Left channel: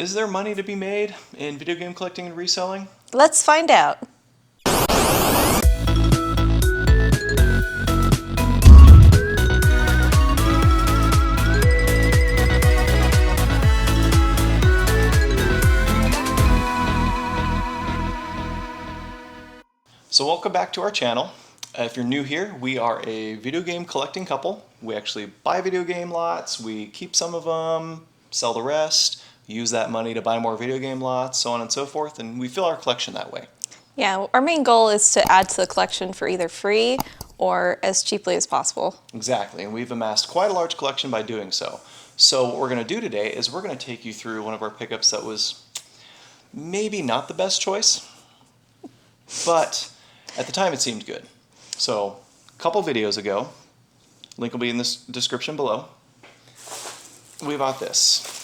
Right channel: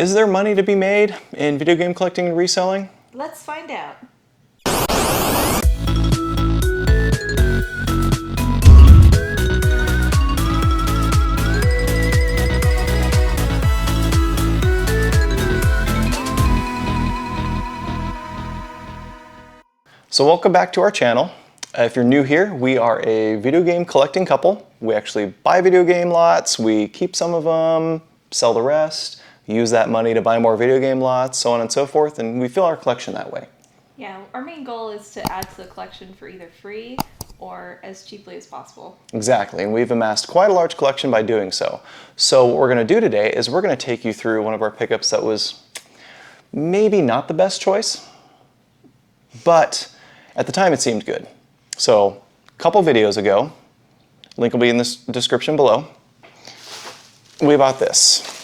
Is there money to be made in video game collecting and reselling? Let's find out. So welcome back to our channel. If you're new here, we are a video game collecting couple. We actually buy video game lots, we keep some of them, sell the rest, use that money to buy more video game lots, so on and so forth, and we fill our collection that way. Yeah, our main goal is to add to the collection for either free or as cheaply as possible. Exactly, and we've amassed quite a large collection by doing so. So what we're going to do today is we're going to take you through one of our pickups that was maybe not the best choice, but at the time it seemed good. So a couple videos ago, link will be in the description below, we bought this.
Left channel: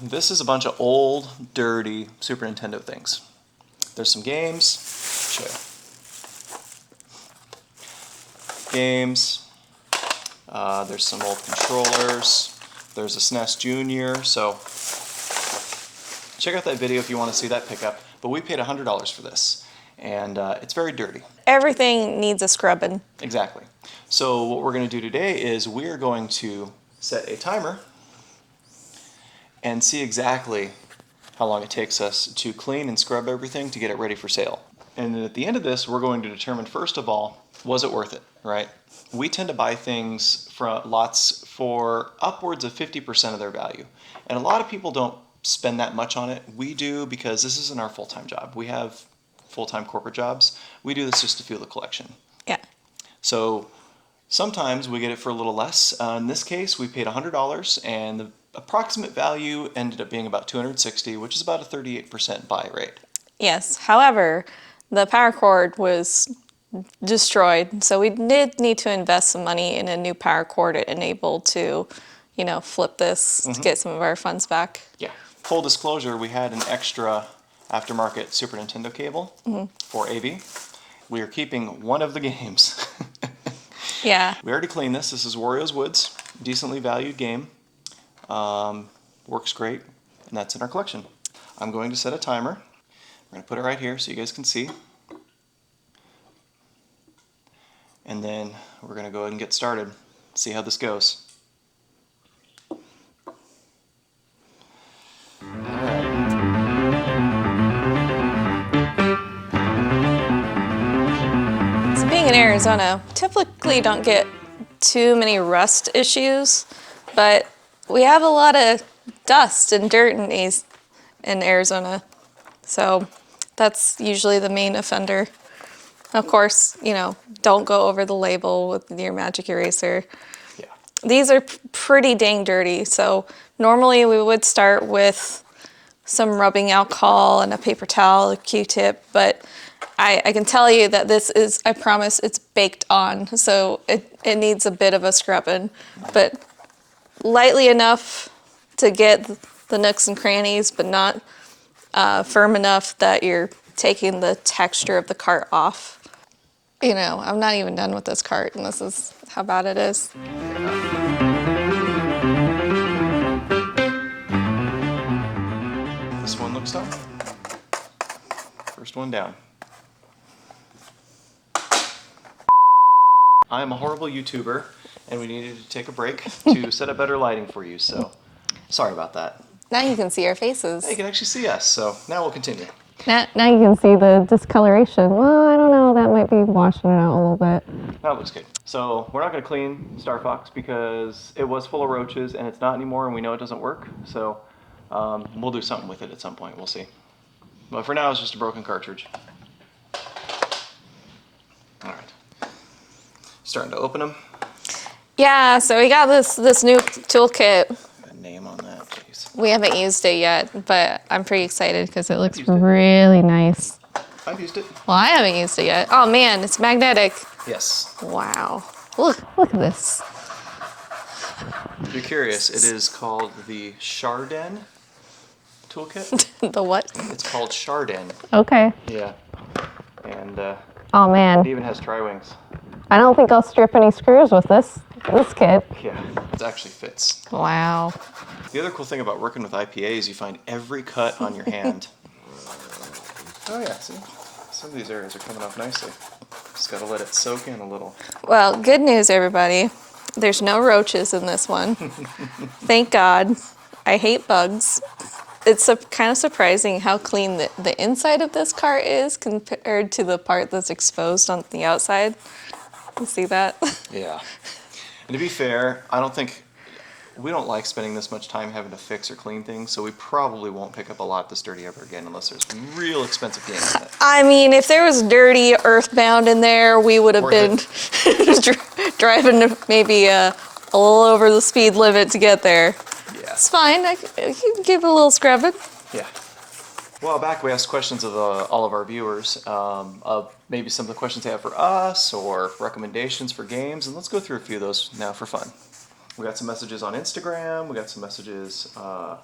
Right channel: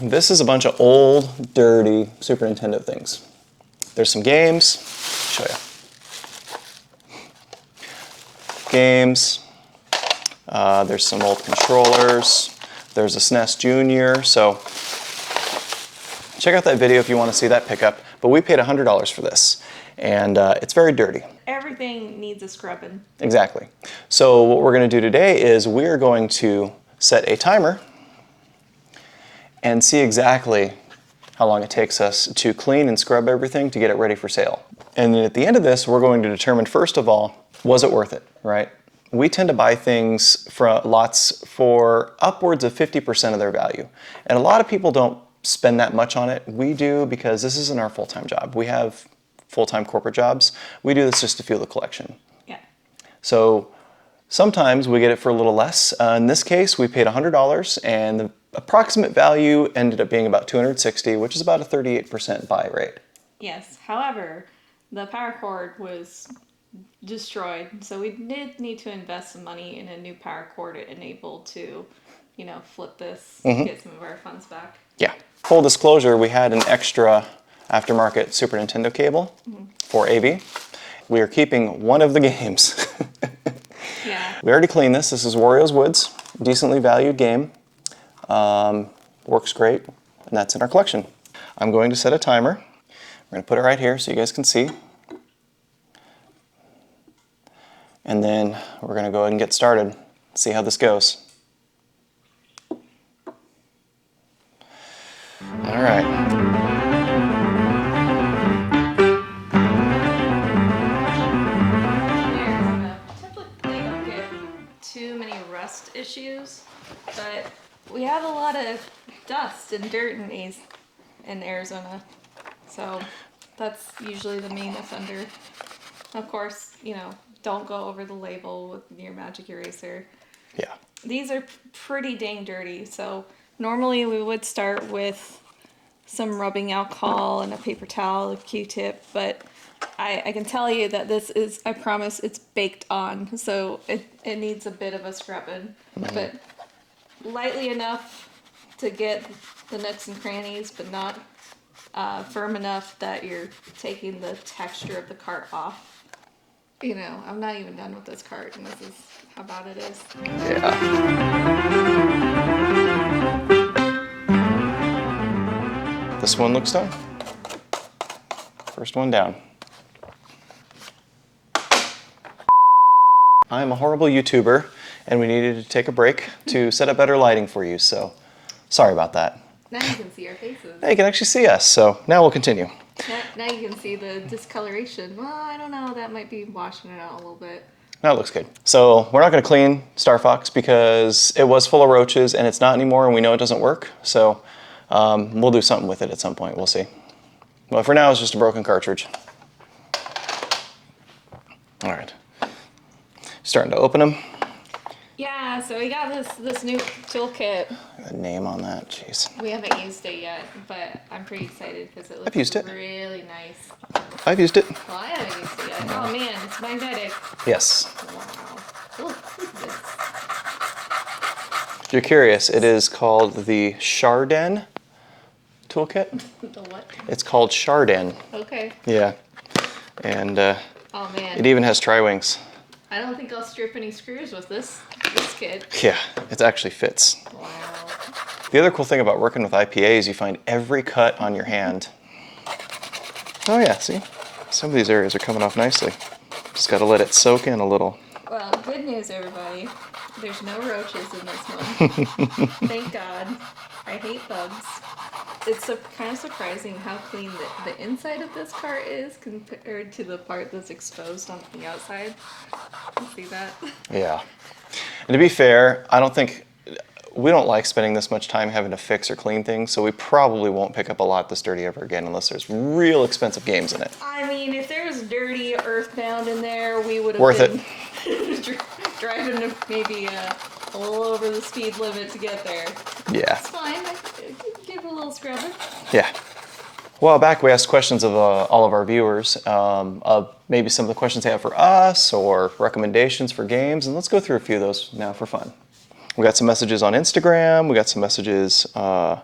This is a bunch of old, dirty Super Nintendo things. There's some games, show you. Games, there's some old controllers, there's a SNES Junior, so check out that video if you want to see that pickup. But we paid $100 for this, and it's very dirty. Everything needs a scrubbing. Exactly. So what we're going to do today is we're going to set a timer and see exactly how long it takes us to clean and scrub everything to get it ready for sale. And then at the end of this, we're going to determine, first of all, was it worth it, right? We tend to buy things from lots for upwards of 50% of their value. And a lot of people don't spend that much on it. We do because this isn't our full-time job. We have full-time corporate jobs. We do this just to fuel the collection. Yeah. So sometimes we get it for a little less. In this case, we paid $100 and the approximate value ended up being about $260, which is about a 38% buy rate. Yes, however, the power cord was destroyed, so we did need to invest some money in a new power cord to enable to, you know, flip this to get some of our funds back. Yeah. Full disclosure, we had an extra aftermarket Super Nintendo cable for AV. We are keeping one of the games. Yeah. We already cleaned this. This is Wario's Woods, decently valued game. Works great, and that's in our collection. I'm going to set a timer. We're going to put it right here so you guys can see. And then we're going to go ahead and get started, see how this goes. All right. So being in Arizona, we typically don't get too many rust issues, but we have a lot of dust and dirt in Arizona. So that's usually the main offender. Of course, you know, don't go over the label with your magic eraser. Yeah. These are pretty dang dirty, so normally we would start with some rubbing alcohol and a paper towel, a Q-tip, but I can tell you that this is, I promise, it's baked on, so it needs a bit of a scrubbing, but lightly enough to get the nooks and crannies, but not firm enough that you're taking the texture of the cart off. You know, I'm not even done with this cart, and this is how bad it is. Yeah. This one looks done. First one down. I'm a horrible YouTuber, and we needed to take a break to set up better lighting for you, so sorry about that. Now you can see our faces. Hey, you can actually see us, so now we'll continue. Now you can see the discoloration. Well, I don't know, that might be washing it out a little bit. Now it looks good. So we're not going to clean Star Fox because it was full of roaches and it's not anymore, and we know it doesn't work. So we'll do something with it at some point. We'll see. Well, for now, it's just a broken cartridge. All right. Starting to open them. Yeah, so we got this new toolkit. A name on that, jeez. We haven't used it yet, but I'm pretty excited because it looks Really nice. I've used it. Well, I haven't used it yet. Oh man, it's magnetic. Yes. Wow. Look at this. If you're curious, it is called the Chardin toolkit. The what? It's called Chardin. Okay. Yeah. And Oh man, it even has tri-wings. I don't think I'll strip any screws with this kit. Yeah, it actually fits. Wow. The other cool thing about working with IPA is you find every cut on your hand. Oh yeah, see? Some of these areas are coming off nicely. Just gotta let it soak in a little. Well, good news, everybody. There's no roaches in this one. Thank God. I hate bugs. It's kind of surprising how clean the inside of this cart is compared to the part that's exposed on the outside. You see that? Yeah. And to be fair, we don't like spending this much time having to fix or clean things, so we probably won't pick up a lot this dirty ever again unless there's real expensive games in it. I mean, if there was dirty Earthbound in there, we would have been driving maybe a little over the speed limit to get there. Yeah. It's fine. I can give it a little scrubbing. Yeah. A while back, we asked questions of all of our viewers of maybe some of the questions they have for us or recommendations for games, and let's go through a few of those now for fun. We got some messages on Instagram. We got some messages on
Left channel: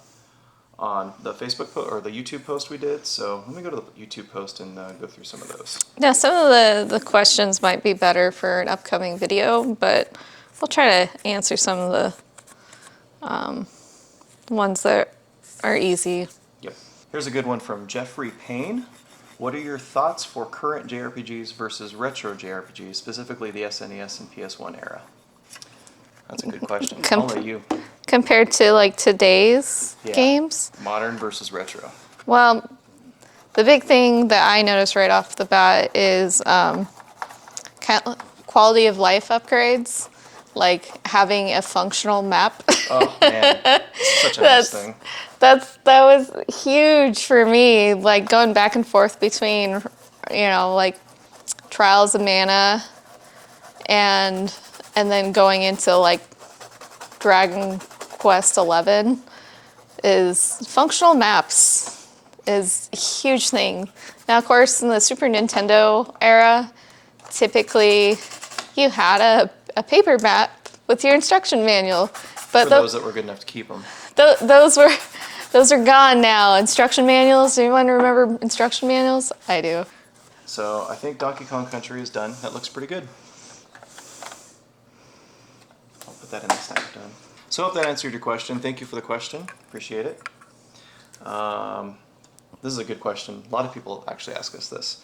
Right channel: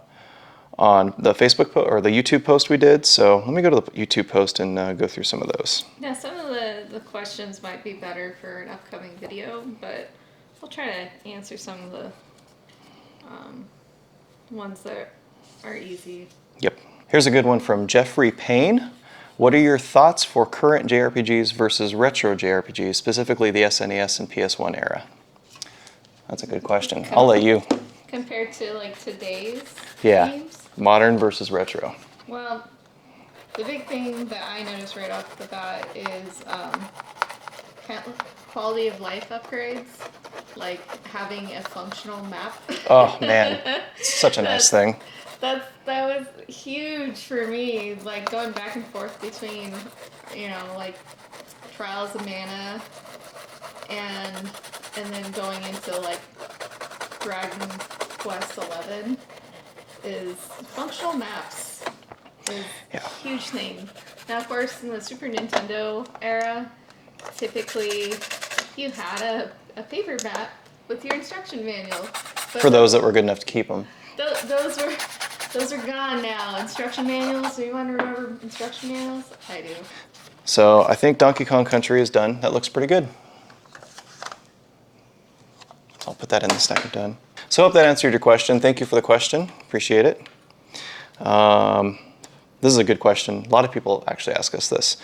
the Facebook or the YouTube post we did. So let me go to the YouTube post and go through some of those. Now, some of the questions might be better for an upcoming video, but we'll try to answer some of the ones that are easy. Yep. Here's a good one from Jeffrey Payne. What are your thoughts for current JRPGs versus retro JRPGs, specifically the SNES and PS1 era? That's a good question. I'll let you. Compared to like today's games? Modern versus retro. Well, the big thing that I noticed right off the bat is quality of life upgrades, like having a functional map. Oh man, such a nice thing. That was huge for me, like going back and forth between, like Trials of Mana and then going into like Dragon Quest 11 is functional maps is a huge thing. Now, of course, in the Super Nintendo era, typically you had a paper map with your instruction manual. But for those that were good enough to keep them. Those are gone now. Instruction manuals. Do anyone remember instruction manuals? I do. So I think Donkey Kong Country is done. That looks pretty good. I'll put that in the stack of done. So I hope that answered your question. Thank you for the question. Appreciate it. This is a good question. A lot of people actually ask us this.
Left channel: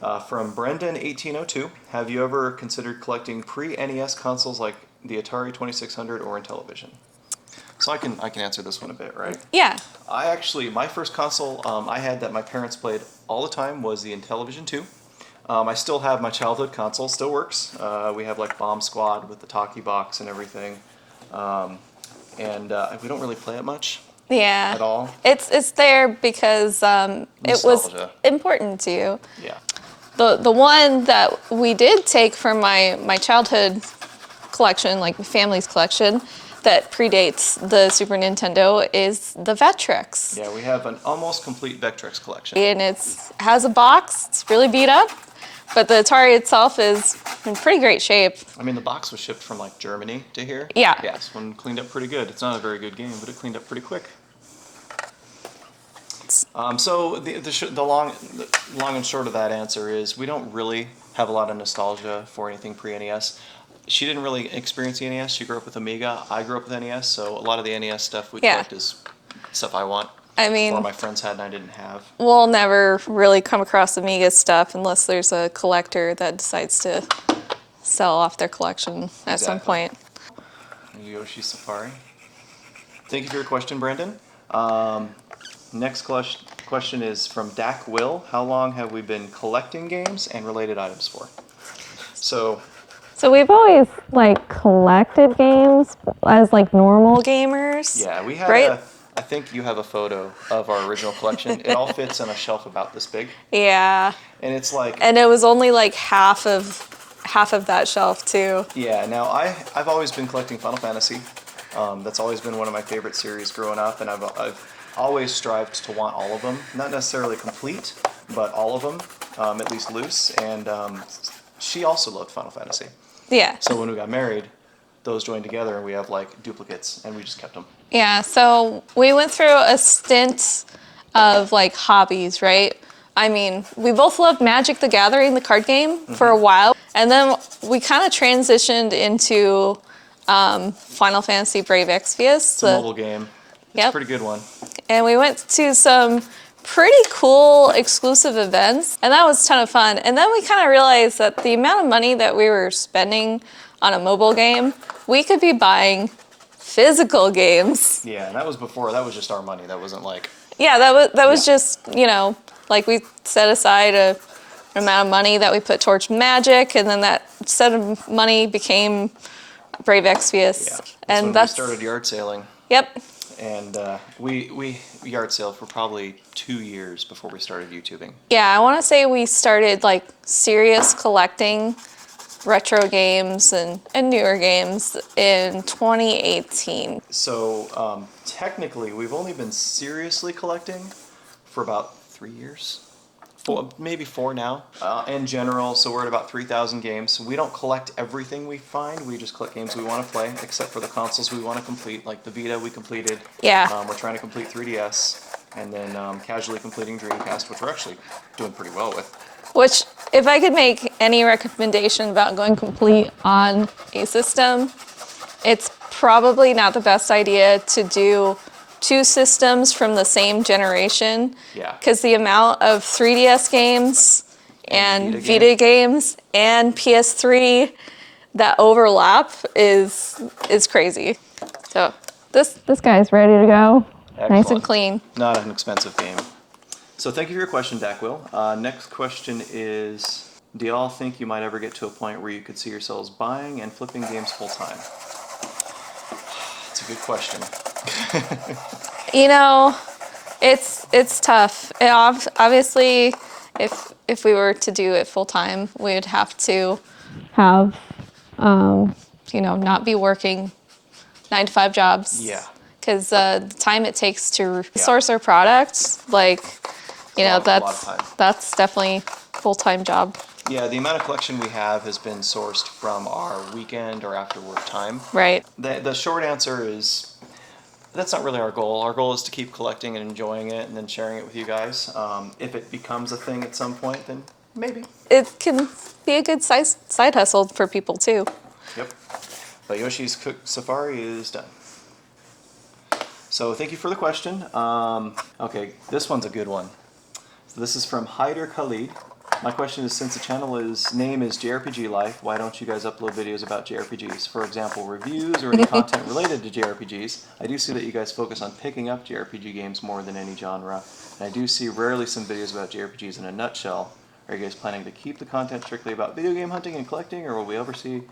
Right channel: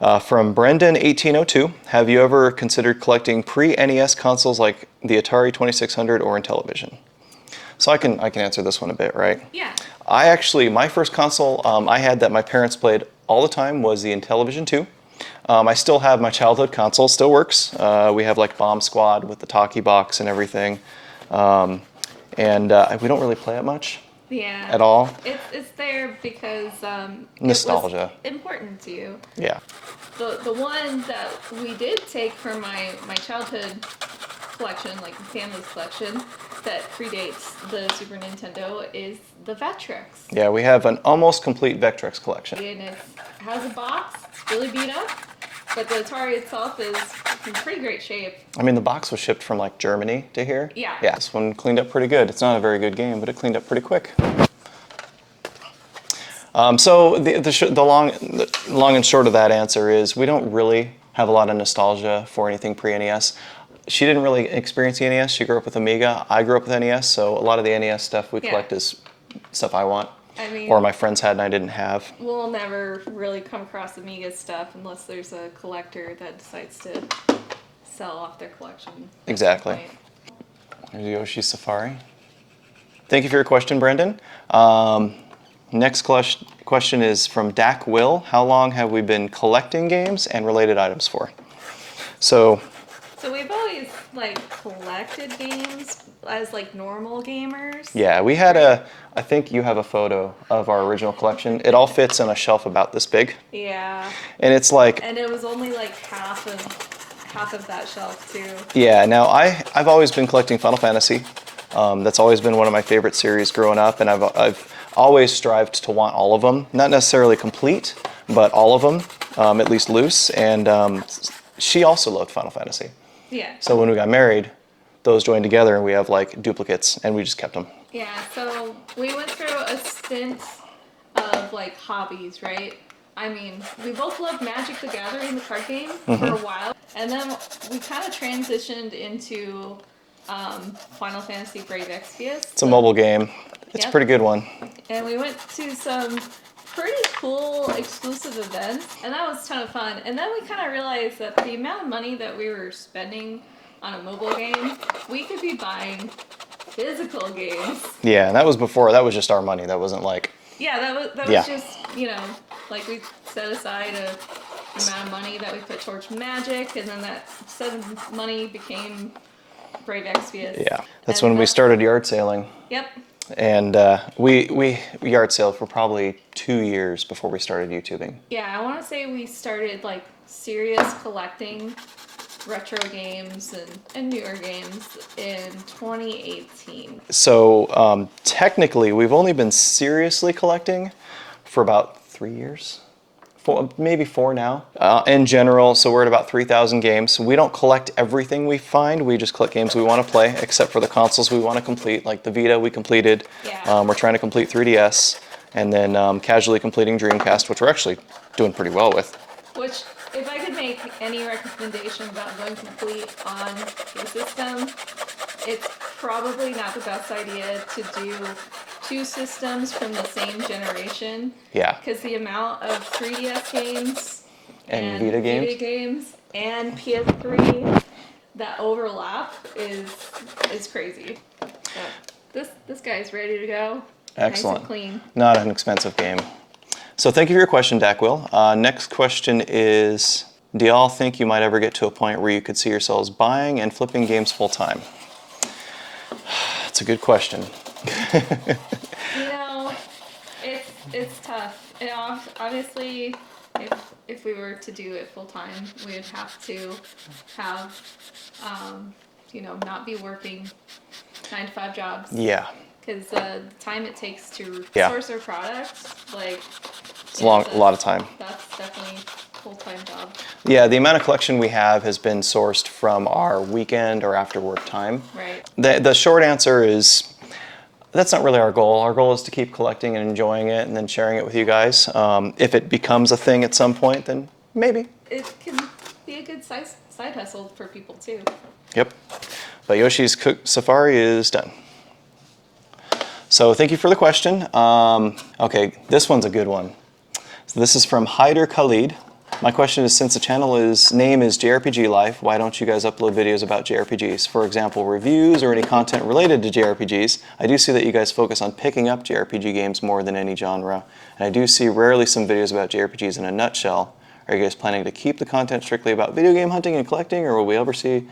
From Brendan1802, have you ever considered collecting pre-NES consoles like the Atari 2600 or Intellivision? So I can answer this one a bit, right? Yeah. My first console I had that my parents played all the time was the Intellivision 2. I still have my childhood console, still works. We have like Bomb Squad with the talkie box and everything. And we don't really play it much. Yeah. At all. It's there because it was important to you. Yeah. The one that we did take from my childhood collection, like family's collection, that predates the Super Nintendo is the Vectrex. Yeah, we have an almost complete Vectrex collection. And it has a box. It's really beat up, but the Atari itself is in pretty great shape. I mean, the box was shipped from like Germany to here. Yeah. Yeah, this one cleaned up pretty good. It's not a very good game, but it cleaned up pretty quick. So the long and short of that answer is we don't really have a lot of nostalgia for anything pre-NES. She didn't really experience the NES. She grew up with Amiga. I grew up with NES, so a lot of the NES stuff we collect is stuff I want. I mean, or my friends had and I didn't have. We'll never really come across Amiga stuff unless there's a collector that decides to sell off their collection at some point. There's Yoshi Safari. Thank you for your question, Brendan. Next question is from Dak Will. How long have we been collecting games and related items for? So we've always like collected games as like normal gamers. Yeah, we had I think you have a photo of our original collection. It all fits on a shelf about this big. Yeah. And it's like. And it was only like half of that shelf too. Yeah. Now I've always been collecting Final Fantasy. That's always been one of my favorite series growing up, and I've always strived to want all of them. Not necessarily complete, but all of them, at least loose. And she also loved Final Fantasy. Yeah. So when we got married, those joined together and we have like duplicates and we just kept them. Yeah, so we went through a stint of like hobbies, right? I mean, we both loved Magic the Gathering, the card game, for a while. And then we kind of transitioned into Final Fantasy Brave Exvius. It's a mobile game. It's a pretty good one. And we went to some pretty cool exclusive events, and that was a ton of fun. And then we kind of realized that the amount of money that we were spending on a mobile game, we could be buying physical games. Yeah, that was before. That was just our money. That wasn't like. Yeah, that was Yeah. just, you know, like we set aside an amount of money that we put towards Magic, and then that set of money became Brave Exvius. Yeah, that's And when we started yard sailing. Yep. And we yard sailed for probably 2 years before we started YouTubing. Yeah, I want to say we started like serious collecting retro games and newer games in 2018. So technically, we've only been seriously collecting for about 3 years. Maybe 4 now. In general, so we're at about 3,000 games. We don't collect everything we find. We just collect games we want to play, except for the consoles we want to complete. Like the Vita, we completed. Yeah. We're trying to complete 3DS, and then casually completing Dreamcast, which we're actually doing pretty well with. Which, if I could make any recommendation about going complete on a system, it's probably not the best idea to do 2 systems from the same generation. Yeah. Because the amount of 3DS games and Vita Vita games and PS3 that overlap is crazy. So This guy's ready to go. nice Excellent. and clean. Not an expensive game. So thank you for your question, Dackwill. Next question is, do y'all think you might ever get to a point where you could see yourselves buying and flipping games full time? That's a good question. You know, it's tough. Obviously, if we were to do it full time, we would have to Have you know, not be working 9 to 5 jobs. Yeah. Because the time it takes to Yeah. source our products, like, you a know, lot- a lot of time. That's definitely full-time job. Yeah, the amount of collection we have has been sourced from our weekend or after work time. Right. The short answer is, that's not really our goal. Our goal is to keep collecting and enjoying it and then sharing it with you guys. If it becomes a thing at some point, then maybe. It can be a good side hustle for people too. Yep. But Yoshi's Cook Safari is done. So thank you for the question. Okay, this one's a good one. So this is from Hyder Khalid. My question is, since the channel name is JRPGLife, why don't you guys upload videos about JRPGs? For example, reviews or any content related to JRPGs. I do see that you guys focus on picking up JRPG games more than any genre. And I do see rarely some videos about JRPGs in a nutshell. Are you guys planning to keep the content strictly about video game hunting and collecting, or will we ever see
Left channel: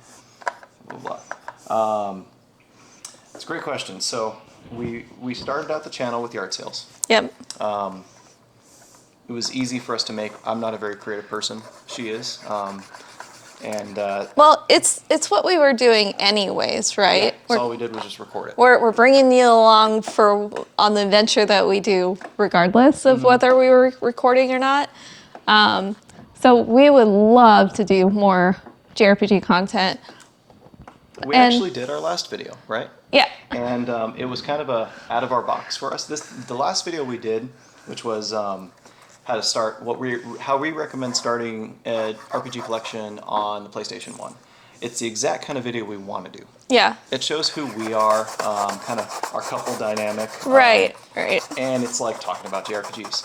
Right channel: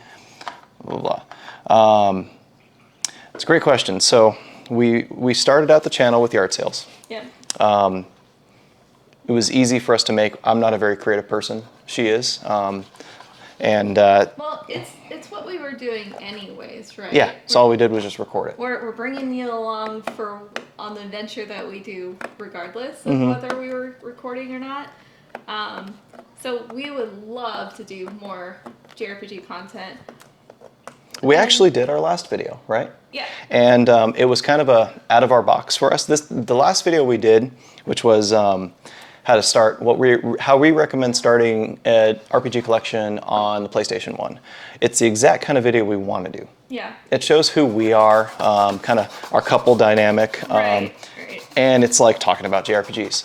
blah, blah, blah? It's a great question. So we started out the channel with yard sales. Yep. It was easy for us to make. I'm not a very creative person. She is. Well, it's what we were doing anyways, right? Yeah, so all we did was just record it. We're bringing you along on the adventure that we do, regardless Mm-hmm. of whether we were recording or not. so we would love to do more JRPG content. We And- actually did our last video, right? Yeah. And it was kind of out of our box for us. The last video we did, which was how to start, how we recommend starting an RPG collection on the PlayStation 1. It's the exact kind of video we want to do. Yeah. It shows who we are, kind of our couple dynamic. Right. And it's like talking about JRPGs.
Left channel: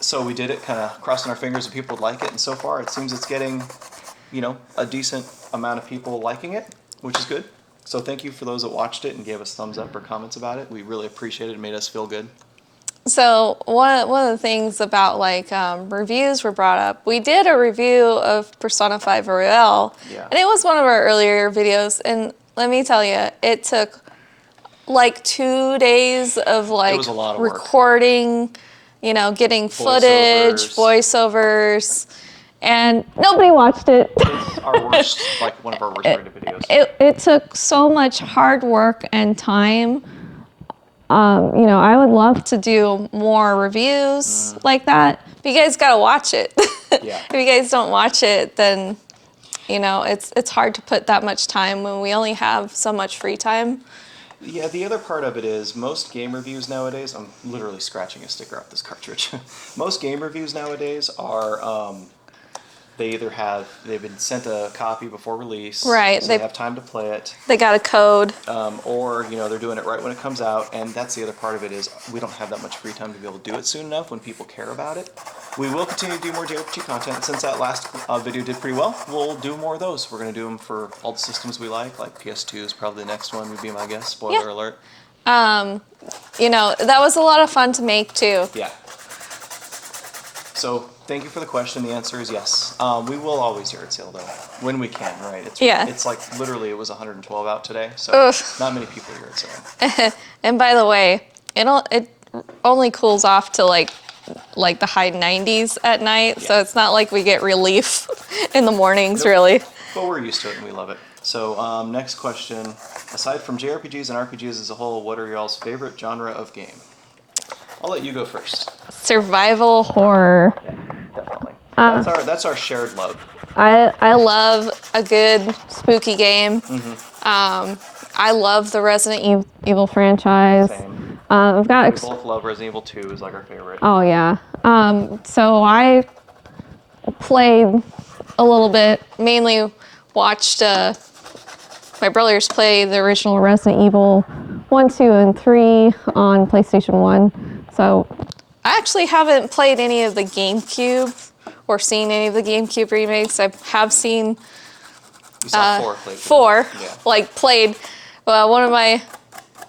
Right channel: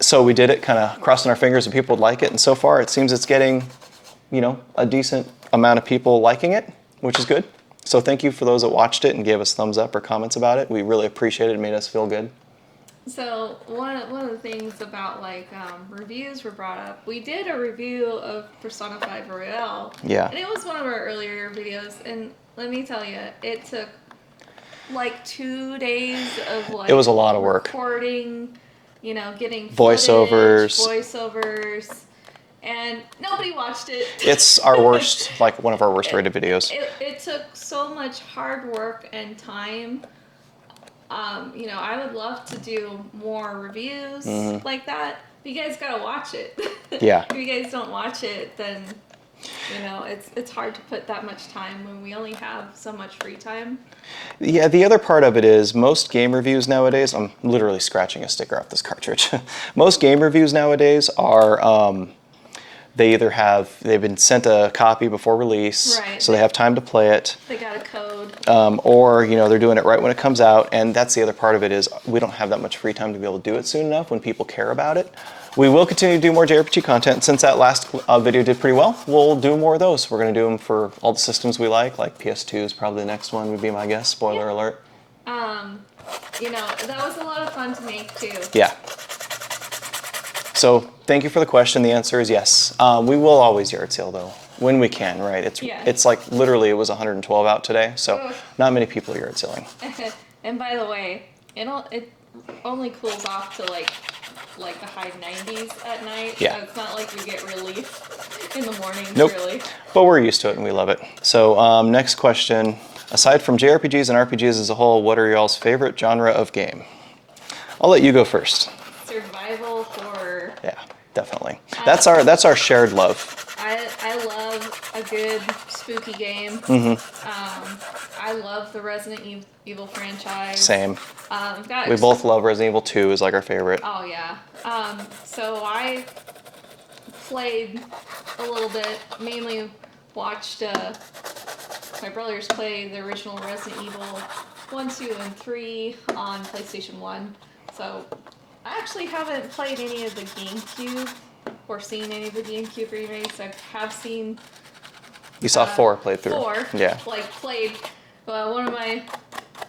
So we did it kind of crossing our fingers and people would like it. And so far it seems it's getting, a decent amount of people liking it, which is good. So thank you for those that watched it and gave us thumbs up or comments about it. We really appreciate it. It made us feel good. So one of the things about reviews were brought up. We did a review of Persona 5 Royale. Yeah. And it was one of our earlier videos. And let me tell you, it took like 2 days of It was a lot of work. recording, getting footage, Voiceovers. voiceovers. And Nobody watched it. It's our worst, one of our worst rated videos. It took so much hard work and time. I would love to do more reviews like that. you guys got to watch it. Yeah. If you guys don't watch it, then, it's hard to put that much time when we only have so much free time. Yeah, the other part of it is most game reviews nowadays, I'm literally scratching a sticker off this cartridge. Most game reviews nowadays are they've been sent a copy before release, Right, so they have time to play it, They got a code. or they're doing it right when it comes out. And that's the other part of it is we don't have that much free time to be able to do it soon enough when people care about it. We will continue to do more JRPG content. Since that last video did pretty well, we'll do more of those. We're going to do them for all the systems we like PS2 is probably the next one would be my guess. Spoiler alert. That was a lot of fun to make too. Yeah. So thank you for the question. The answer is yes. We will always yard sale though, when we can, right? It's like literally it was 112 out today, so not many people are yard selling. And by the way, it only cools off to like the high 90s at night, so it's not like we get relief in the mornings really. But we're used to it and we love it. So next question. Aside from JRPGs and RPGs as a whole, what are y'all's favorite genre of game? I'll let you go first. Survival horror. Yeah, definitely. That's our shared love. I love a good spooky game. I love the Resident Evil franchise. Same. We've got We both love Resident Evil 2 is like our favorite. Oh yeah. So I played a little bit. Mainly watched my brothers play the original Resident Evil 1, 2, and 3 on PlayStation 1. So I actually haven't played any of the GameCube or seen any of the GameCube remakes. I have seen You saw 4 played through. 4. Yeah. Played. One of my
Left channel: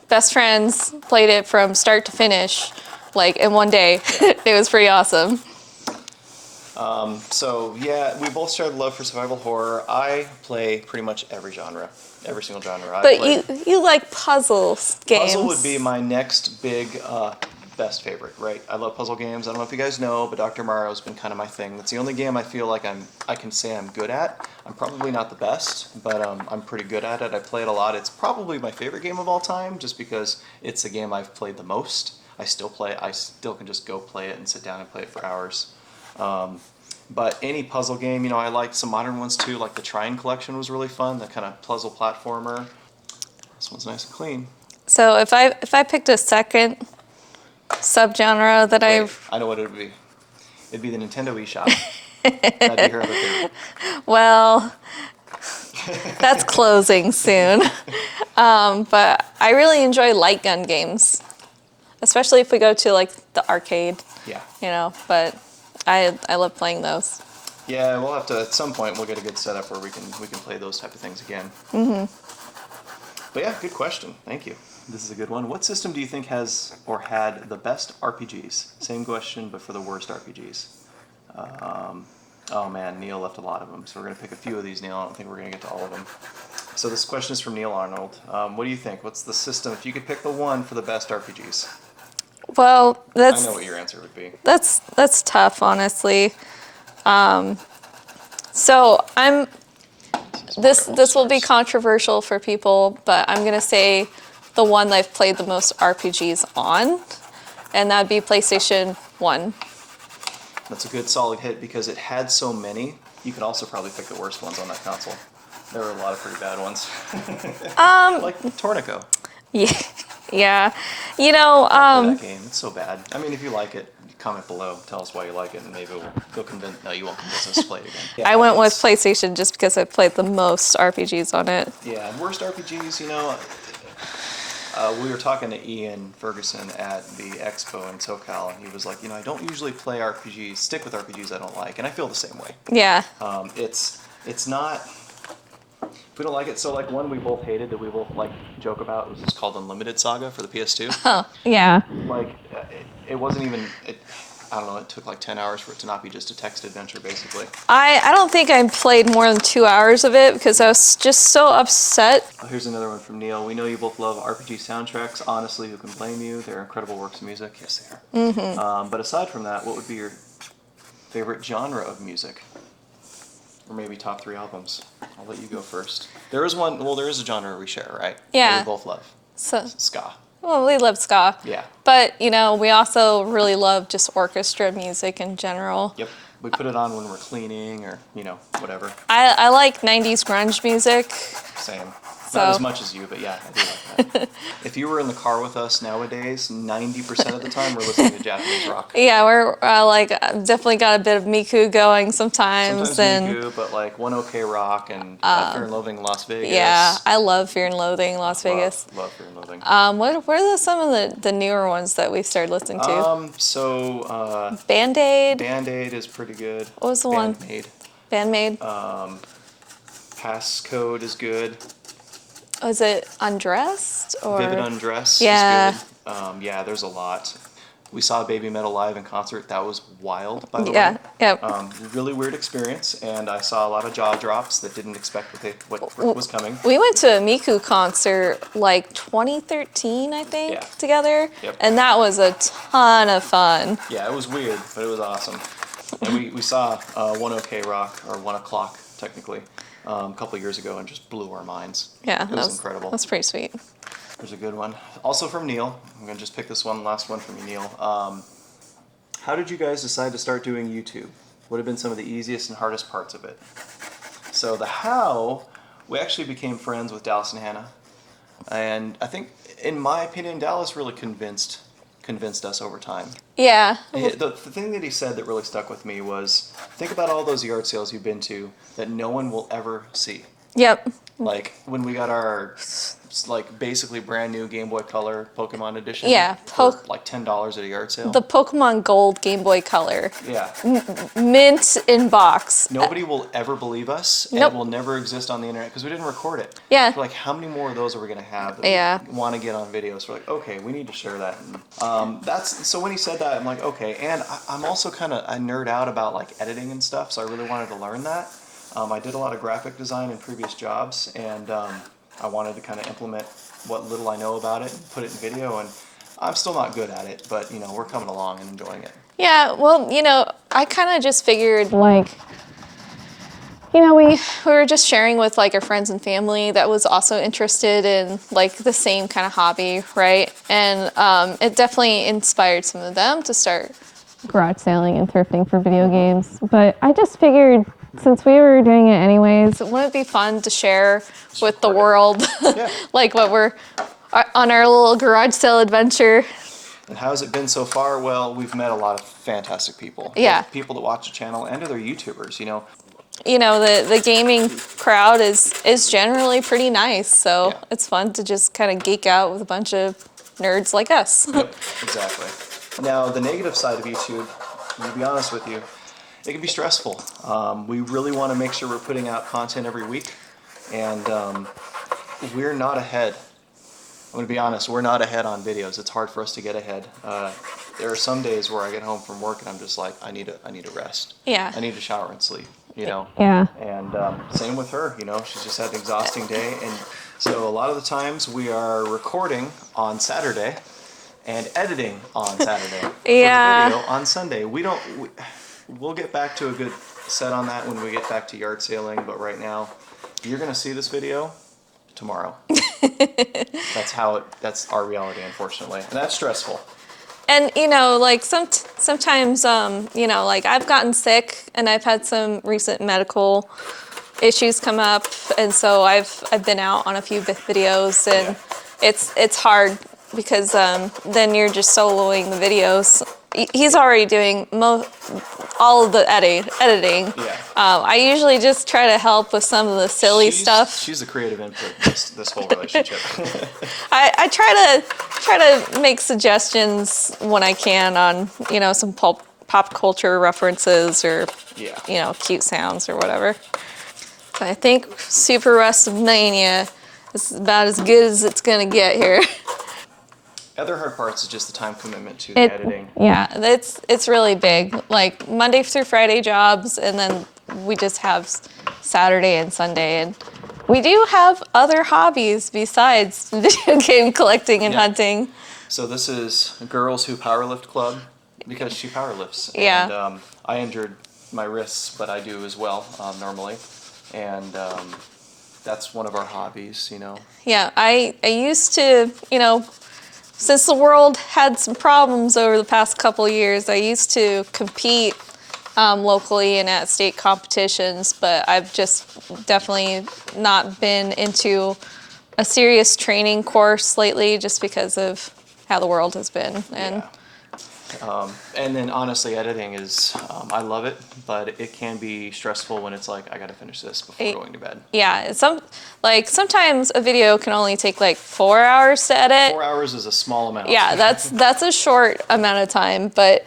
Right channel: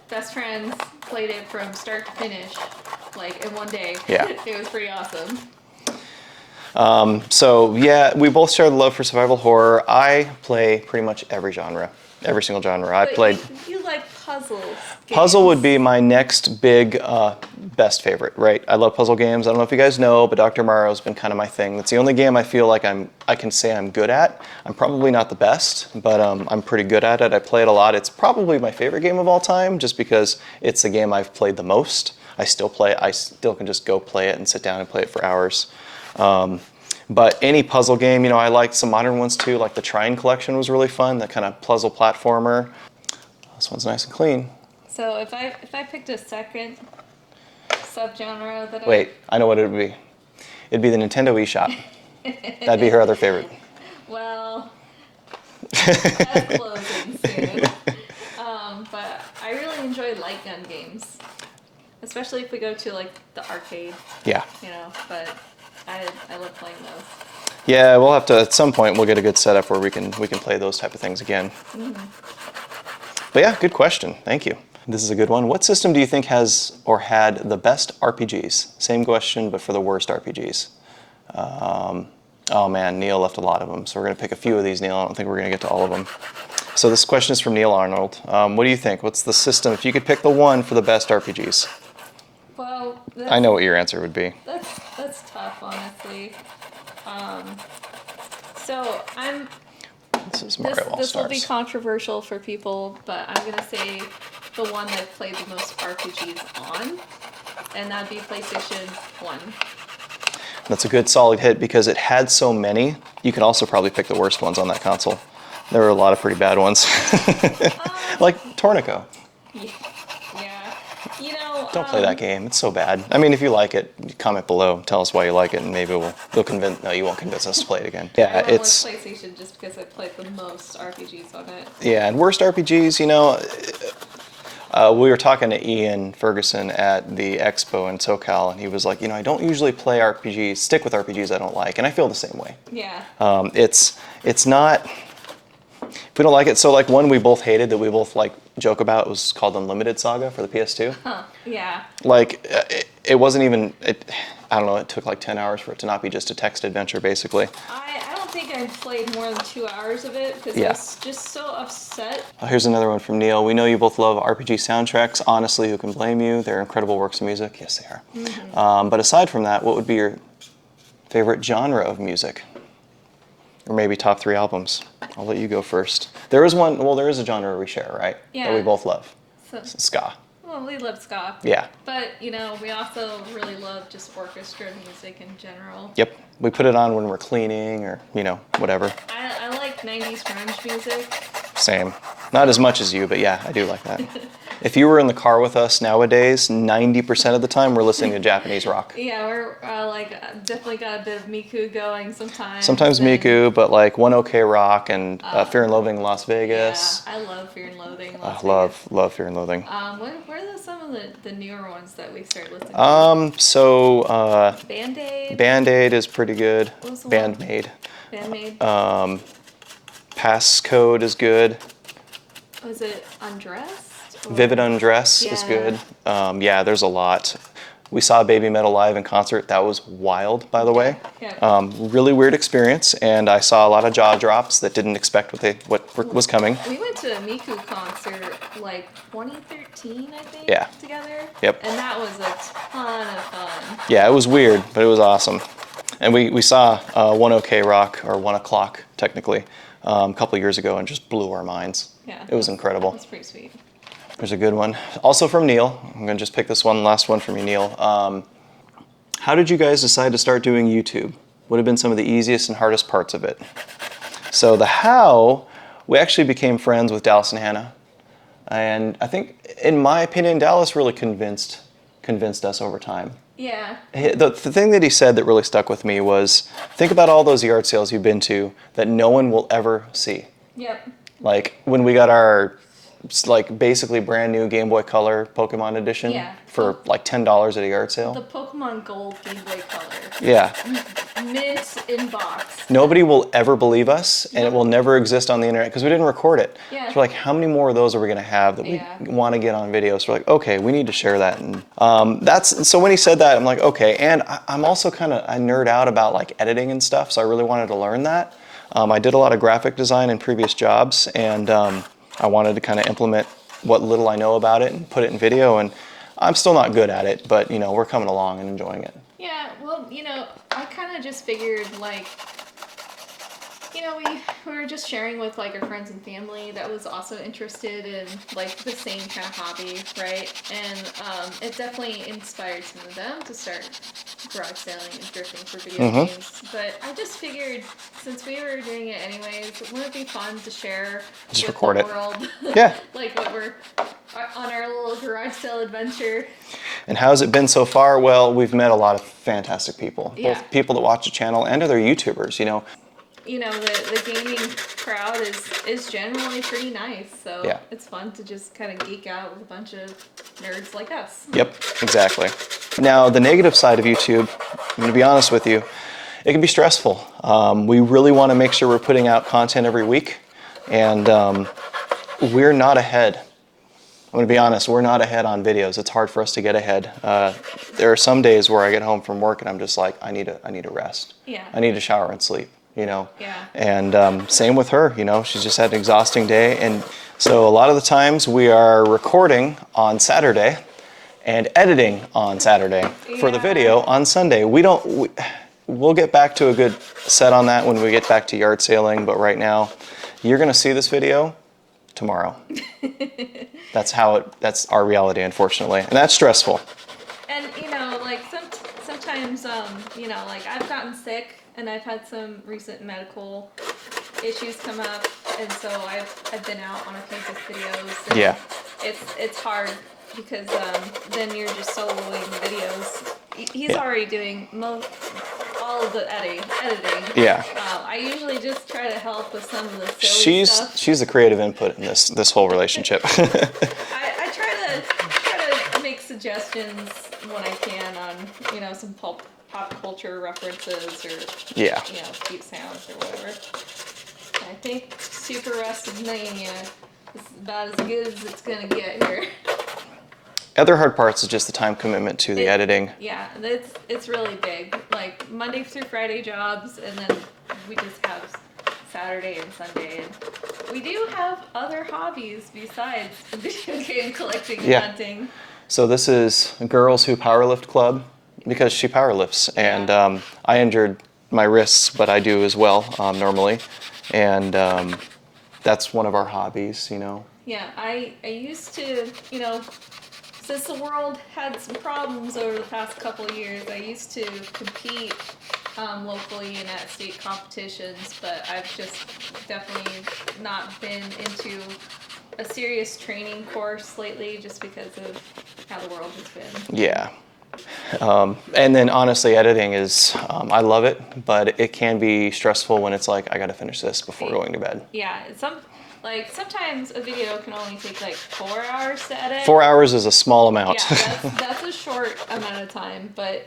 best friends played it from start to finish, in one day. Yeah. It was pretty awesome. So yeah, we both share the love for survival horror. I play pretty much every genre, every single genre. But you like puzzles games. Puzzle would be my next big best favorite, right? I love puzzle games. I don't know if you guys know, but Dr. Mario's been kind of my thing. That's the only game I feel like I can say I'm good at. I'm probably not the best, but I'm pretty good at it. I play it a lot. It's probably my favorite game of all time just because it's the game I've played the most. I still play it. I still can just go play it and sit down and play it for hours. But any puzzle game, I like some modern ones too, like the Trine collection was really fun, that kind of puzzle platformer. This one's nice and clean. So if I picked a second subgenre that I know what it would be. It'd be the Nintendo eShop. That'd be her other favorite. Well, that's closing soon. But I really enjoy light gun games, especially if we go to the arcade. Yeah. But I love playing those. Yeah, we'll have to at some point. We'll get a good setup where we can play those type of things again. But yeah, good question. Thank you. This is a good one. What system do you think has or had the best RPGs? Same question, but for the worst RPGs. Oh man, Neil left a lot of them, so we're gonna pick a few of these. Neil, I don't think we're gonna get to all of them. So this question is from Neil Arnold. What do you think? What's the system? If you could pick the one for the best RPGs. Well, I know what your answer would be. That's tough, honestly. So this will be controversial for people, but I'm gonna say the one that I've played the most RPGs on, and that'd be PlayStation 1. That's a good solid hit because it had so many. You could also probably pick the worst ones on that console. There were a lot of pretty bad ones. Like Tornico. Yeah. Don't play that game. It's so bad. I mean, if you like it, comment below. Tell us why you like it, and maybe you'll convince. No, you won't convince us to play it again. Yeah, I went with PlayStation just because I played the most RPGs on it. Yeah, and worst RPGs, we were talking to Ian Ferguson at the expo in SoCal, and he was like, I don't usually play RPGs, stick with RPGs I don't like, and I feel the same way. Yeah. It's not. If we don't like it, so one we both hated that we both joke about was called Unlimited Saga for the PS2. Oh, yeah. It wasn't even. I don't know. It took 10 hours for it to not be just a text adventure, basically. I don't think I played more than 2 hours of it because I was just so upset. Oh, here's another one from Neil. We know you both love RPG soundtracks. Honestly, who can blame you? They're incredible works of music. Yes, they are. Mm-hmm. But aside from that, what would be your favorite genre of music? Or maybe top 3 albums? I'll let you go first. There is one. Well, there is a genre we share, right? Yeah. That we both love. So, Ska. well, we love ska. Yeah. But, we also really love just orchestra music in general. Yep. We put it on when we're cleaning or, whatever. I like 90s grunge music. Same. Not as much as you, but yeah, I do like that. If you were in the car with us nowadays, 90% of the time we're listening to Japanese rock. Yeah, we're like definitely got a bit of Miku going sometimes. Sometimes and, Miku, but like One OK Rock and Fear and Loathing in Las Vegas. Yeah, I love Fear and Loathing in Las Vegas. Love Fear and Loathing. What are some of the newer ones that we started listening to? Band-Aid. Band-Aid is pretty good. What was the one? Bandmade. Bandmade. Passcode is good. Was it Undressed? Or? Vivid Undress Yeah. is good. Yeah, there's a lot. We saw Baby Metal live in concert. That was wild, by the way. Yeah. Really weird experience, and I saw a lot of jaw drops that didn't expect what was coming. We went to a Miku concert like 2013, I think, Yeah. together. Yep. And that was a ton of fun. Yeah, it was weird, but it was awesome. And we saw One OK Rock, or 1 o'clock technically, a couple years ago, and just blew our minds. Yeah. It was incredible. That's pretty sweet. There's a good one. Also from Neil. I'm going to just pick this last one from you, Neil. How did you guys decide to start doing YouTube? What have been some of the easiest and hardest parts of it? So the how, we actually became friends with Dallas and Hannah. And I think, in my opinion, Dallas really convinced us over time. Yeah. The thing that he said that really stuck with me was, think about all those yard sales you've been to that no one will ever see. Yep. Like when we got our basically brand new Game Boy Color Pokemon edition for like $10 at a yard sale. The Pokemon Gold Game Boy Color. Yeah. Mint in box. Nobody will ever believe us, and Nope. it will never exist on the internet because we didn't record it. Yeah. So like, how many more of those are we gonna have that we want to get on video? So we're like, okay, we need to share that. And so when he said that, I'm like, okay. And I'm also I nerd out about like editing and stuff, so I really wanted to learn that. I did a lot of graphic design in previous jobs, and I wanted to kind of implement what little I know about it and put it in video. And I'm still not good at it, but we're coming along and enjoying it. Yeah, well, I kind of just figured, Like, we were just sharing with like our friends and family that was also interested in like the same kind of hobby, right? And it definitely inspired some of them to start. garage selling and thrifting for video games. But I just figured, since we were doing it anyways, Wouldn't it be fun to share Just with the record it. world? Yeah. Like what we're on our little garage sale adventure. And how's it been so far? Well, we've met a lot of fantastic people. Yeah. Both people that watch the channel and other YouTubers, The gaming crowd is generally pretty nice, so Yeah. it's fun to just kind of geek out with a bunch of nerds like us. Yep, exactly. Now, the negative side of YouTube, I'm going to be honest with you, it can be stressful. We really want to make sure we're putting out content every week, and we're not ahead. I'm going to be honest, we're not ahead on videos. It's hard for us to get ahead. There are some days where I get home from work and I'm just like, I need to rest. Yeah. I need to shower and sleep, Yeah. And same with her, she's just had an exhausting day. And so a lot of the times we are recording on Saturday and editing on Saturday for the video on Sunday. We'll get back to a good set on that when we get back to yard sailing, but right now you're going to see this video tomorrow. That's our reality, unfortunately. And that's stressful. And sometimes I've gotten sick and I've had some recent medical issues come up, and so I've been out on a few videos, and it's hard because then you're just soloing the videos. He's already doing all of the editing. Yeah. I usually just try to help with some of the silly stuff. She's the creative input in this whole relationship. I try to make suggestions when I can on some pop culture references or cute sounds or whatever. I think Super WrestleMania is about as good as it's gonna get here. Other hard parts is just the time commitment to the editing. Yeah. It's really big. Like Monday through Friday jobs, and then we just have Saturday and Sunday. And we do have other hobbies besides video game collecting and hunting. So this is Girls Who Powerlift Club, because she powerlifts. Yeah. And I injured my wrists, but I do as well normally. And that's one of our hobbies, Yeah, I used to, since the world had some problems over the past couple of years, I used to compete locally and at state competitions, but I've just definitely not been into a serious training course lately just because of how the world has been. Yeah. And then honestly, editing is, I love it, but it can be stressful when it's like, I gotta finish this before going to bed. Yeah, sometimes a video can only take like 4 hours to edit. 4 hours is a small amount. Yeah, that's a short amount of time, but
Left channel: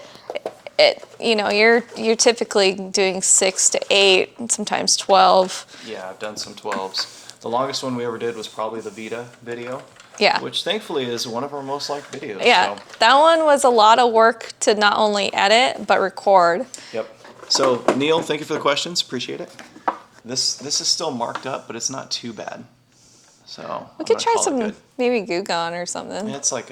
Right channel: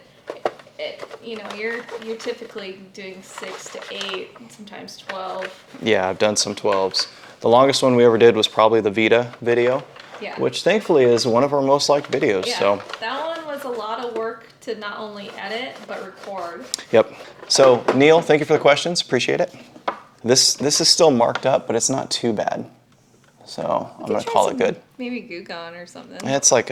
you're typically doing 6 to 8, and sometimes 12. Yeah, I've done some 12s. The longest one we ever did was probably the Vita video. Yeah. Which thankfully is one of our most liked videos. Yeah, So. that one was a lot of work to not only edit, but record. Yep. So Neil, thank you for the questions. Appreciate it. This is still marked up, but it's not too bad. So I'm Could gonna try call some, it good. maybe Goo Gone or something. It's like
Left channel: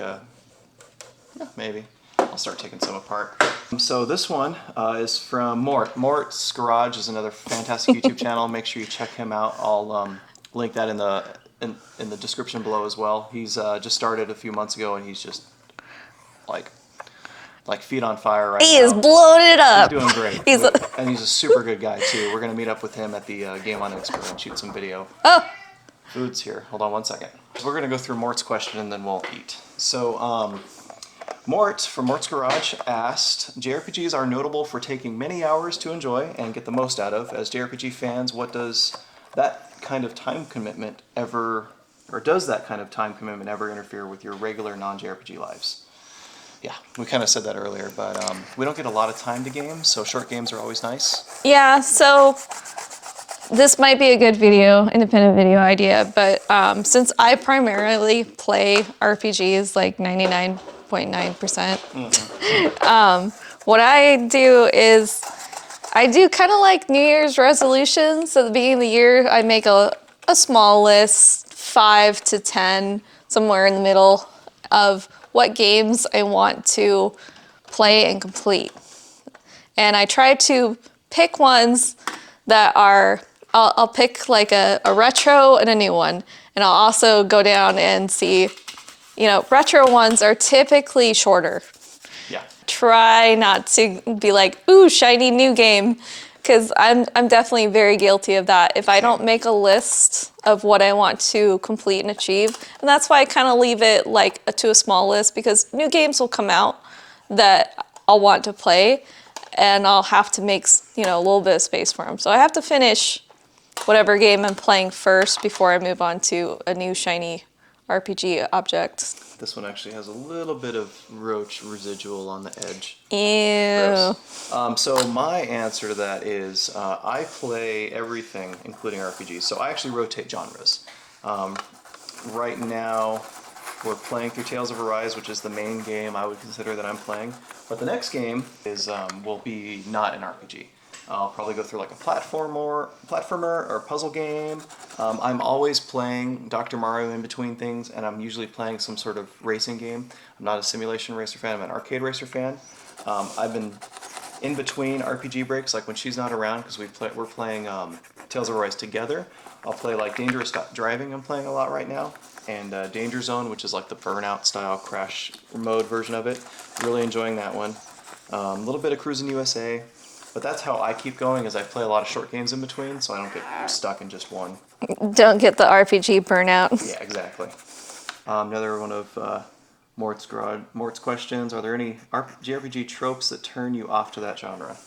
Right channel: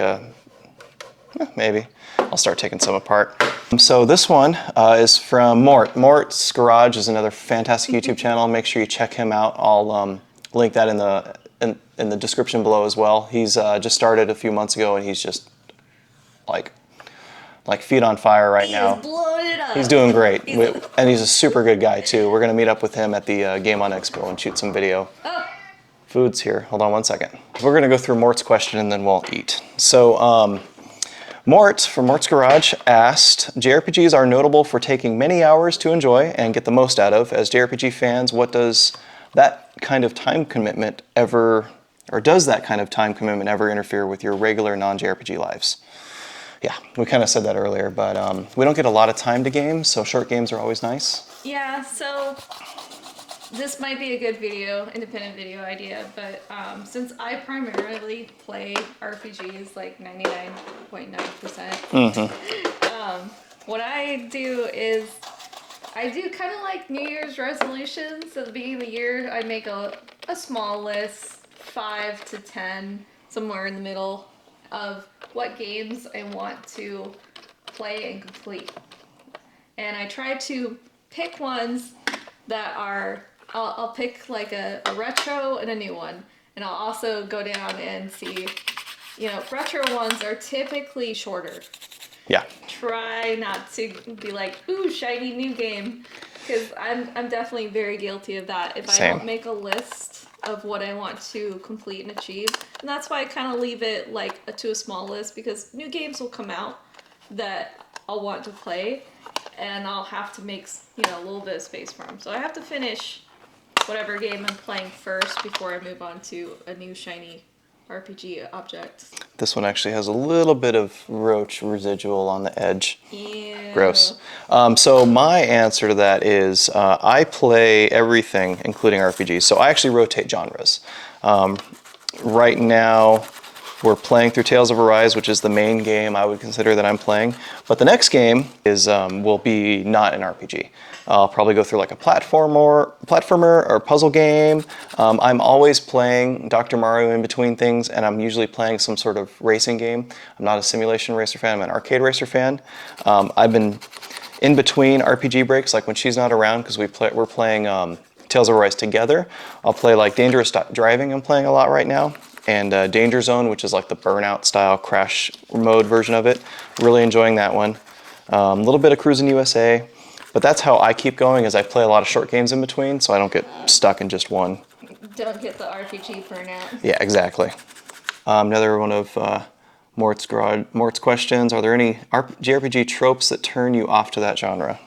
maybe. I'll start taking some apart. So this one is from Mort. Mort's Garage is another fantastic YouTube channel. Make sure you check him out. I'll link that in the description below as well. He's just started a few months ago, and he's just like feet on fire right now. He is blowing it up. He's doing great. He's and he's a super good guy too. We're gonna meet up with him at the Game On Expo and shoot some video. Oh. Food's here. Hold on one second. We're gonna go through Mort's question and then we'll eat. So Mort from Mort's Garage asked, JRPGs are notable for taking many hours to enjoy and get the most out of. As JRPG fans, what does that kind of time commitment ever interfere with your regular non-JRPG lives? Yeah, we kind of said that earlier, but we don't get a lot of time to games, so short games are always nice. Yeah, so this might be a good independent video idea, but since I primarily play RPGs like 99.9%, what I do is I do kind of like New Year's resolutions. At the beginning of the year, I make a small list, 5 to 10, somewhere in the middle, of what games I want to play and complete. And I try to pick ones that are, I'll pick like a retro and a new one. And I'll also go down and see, retro ones are typically shorter. Yeah. Try not to be like, ooh, shiny new game. Because I'm definitely very guilty of that. If I don't make a list of what I want to complete and achieve, and that's why I kind of leave it to a small list, because new games will come out that I'll want to play, and I'll have to make a little bit of space for them. So I have to finish whatever game I'm playing first before I move on to a new shiny RPG object. This one actually has a little bit of roach residual on the edge. Ew. Gross. So my answer to that is I play everything, including RPGs. So I actually rotate genres. Right now, we're playing through Tales of Arise, which is the main game I would consider that I'm playing. But the next game will be not an RPG. I'll probably go through like a platformer or puzzle game. I'm always playing Dr. Mario in between things, and I'm usually playing some sort of racing game. I'm not a simulation racer fan, I'm an arcade racer fan. I've been in between RPG breaks, like when she's not around, because we're playing Tales of Arise together. I'll play like Dangerous Driving, I'm playing a lot right now, and Danger Zone, which is like the Burnout style crash mode version of it. Really enjoying that one. A little bit of Cruising USA. But that's how I keep going, is I play a lot of short games in between, so I don't get stuck in just one. Don't get the RPG burnout. Yeah, exactly. Another one of Mort's questions. Are there any JRPG tropes that turn you off to that genre?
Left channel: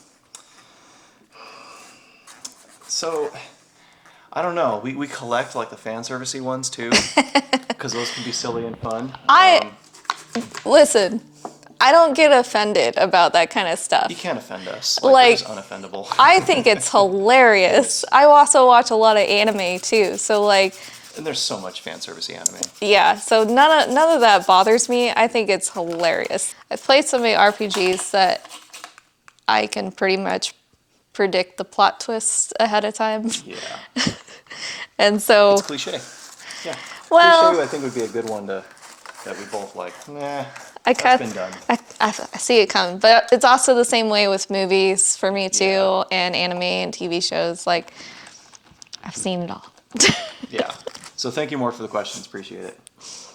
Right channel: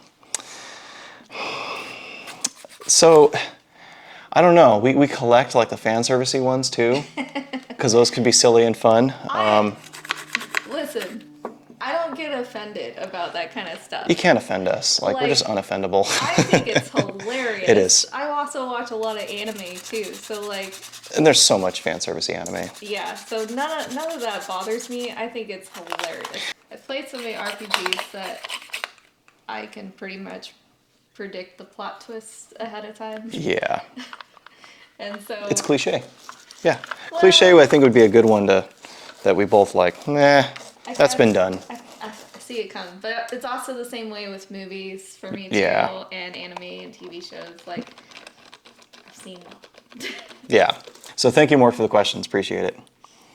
So, I don't know. We collect like the fan servicey ones too, because those can be silly and fun. Listen, I don't get offended about that kind of stuff. You can't offend us. We're just unoffendable. I think it's hilarious. It is. I also watch a lot of anime too, so and there's so much fan servicey anime. Yeah, so none of that bothers me. I think it's hilarious. I've played so many RPGs that I can pretty much predict the plot twists ahead of time. Yeah. And so It's cliche. Yeah. Well, cliche I think would be a good one that we both like. Nah. That's been done. I see it coming, but it's also the same way with movies for me too, Yeah. and anime and TV shows. Like, I've seen it all. Yeah. So thank you more for the questions. Appreciate it.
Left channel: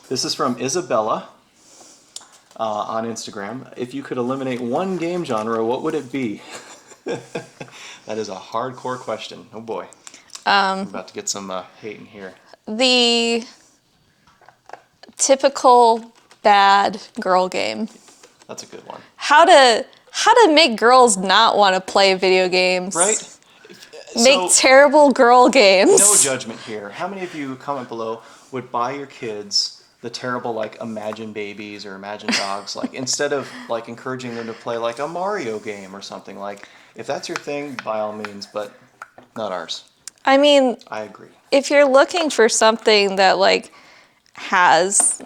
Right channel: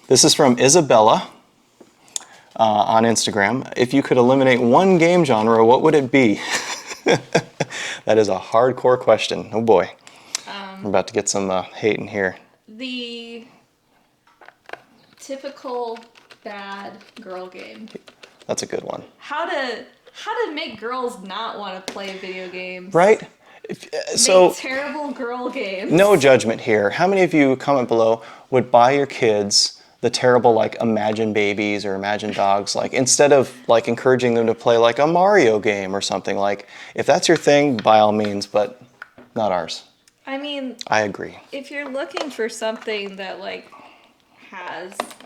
This is from Isabella on Instagram. If you could eliminate one game genre, what would it be? That is a hardcore question. Oh boy. We're about to get some hate in here. typical bad girl game. That's a good one. How to make girls not want to play video games. Right? Make terrible girl games. No judgment here. How many of you, comment below, would buy your kids the terrible, like, Imagine Babies or Imagine Dogs, like, instead of, like, encouraging them to play, like, a Mario game or something? Like, if that's your thing, by all means, but not ours. I mean, I agree. if you're looking for something that, like, has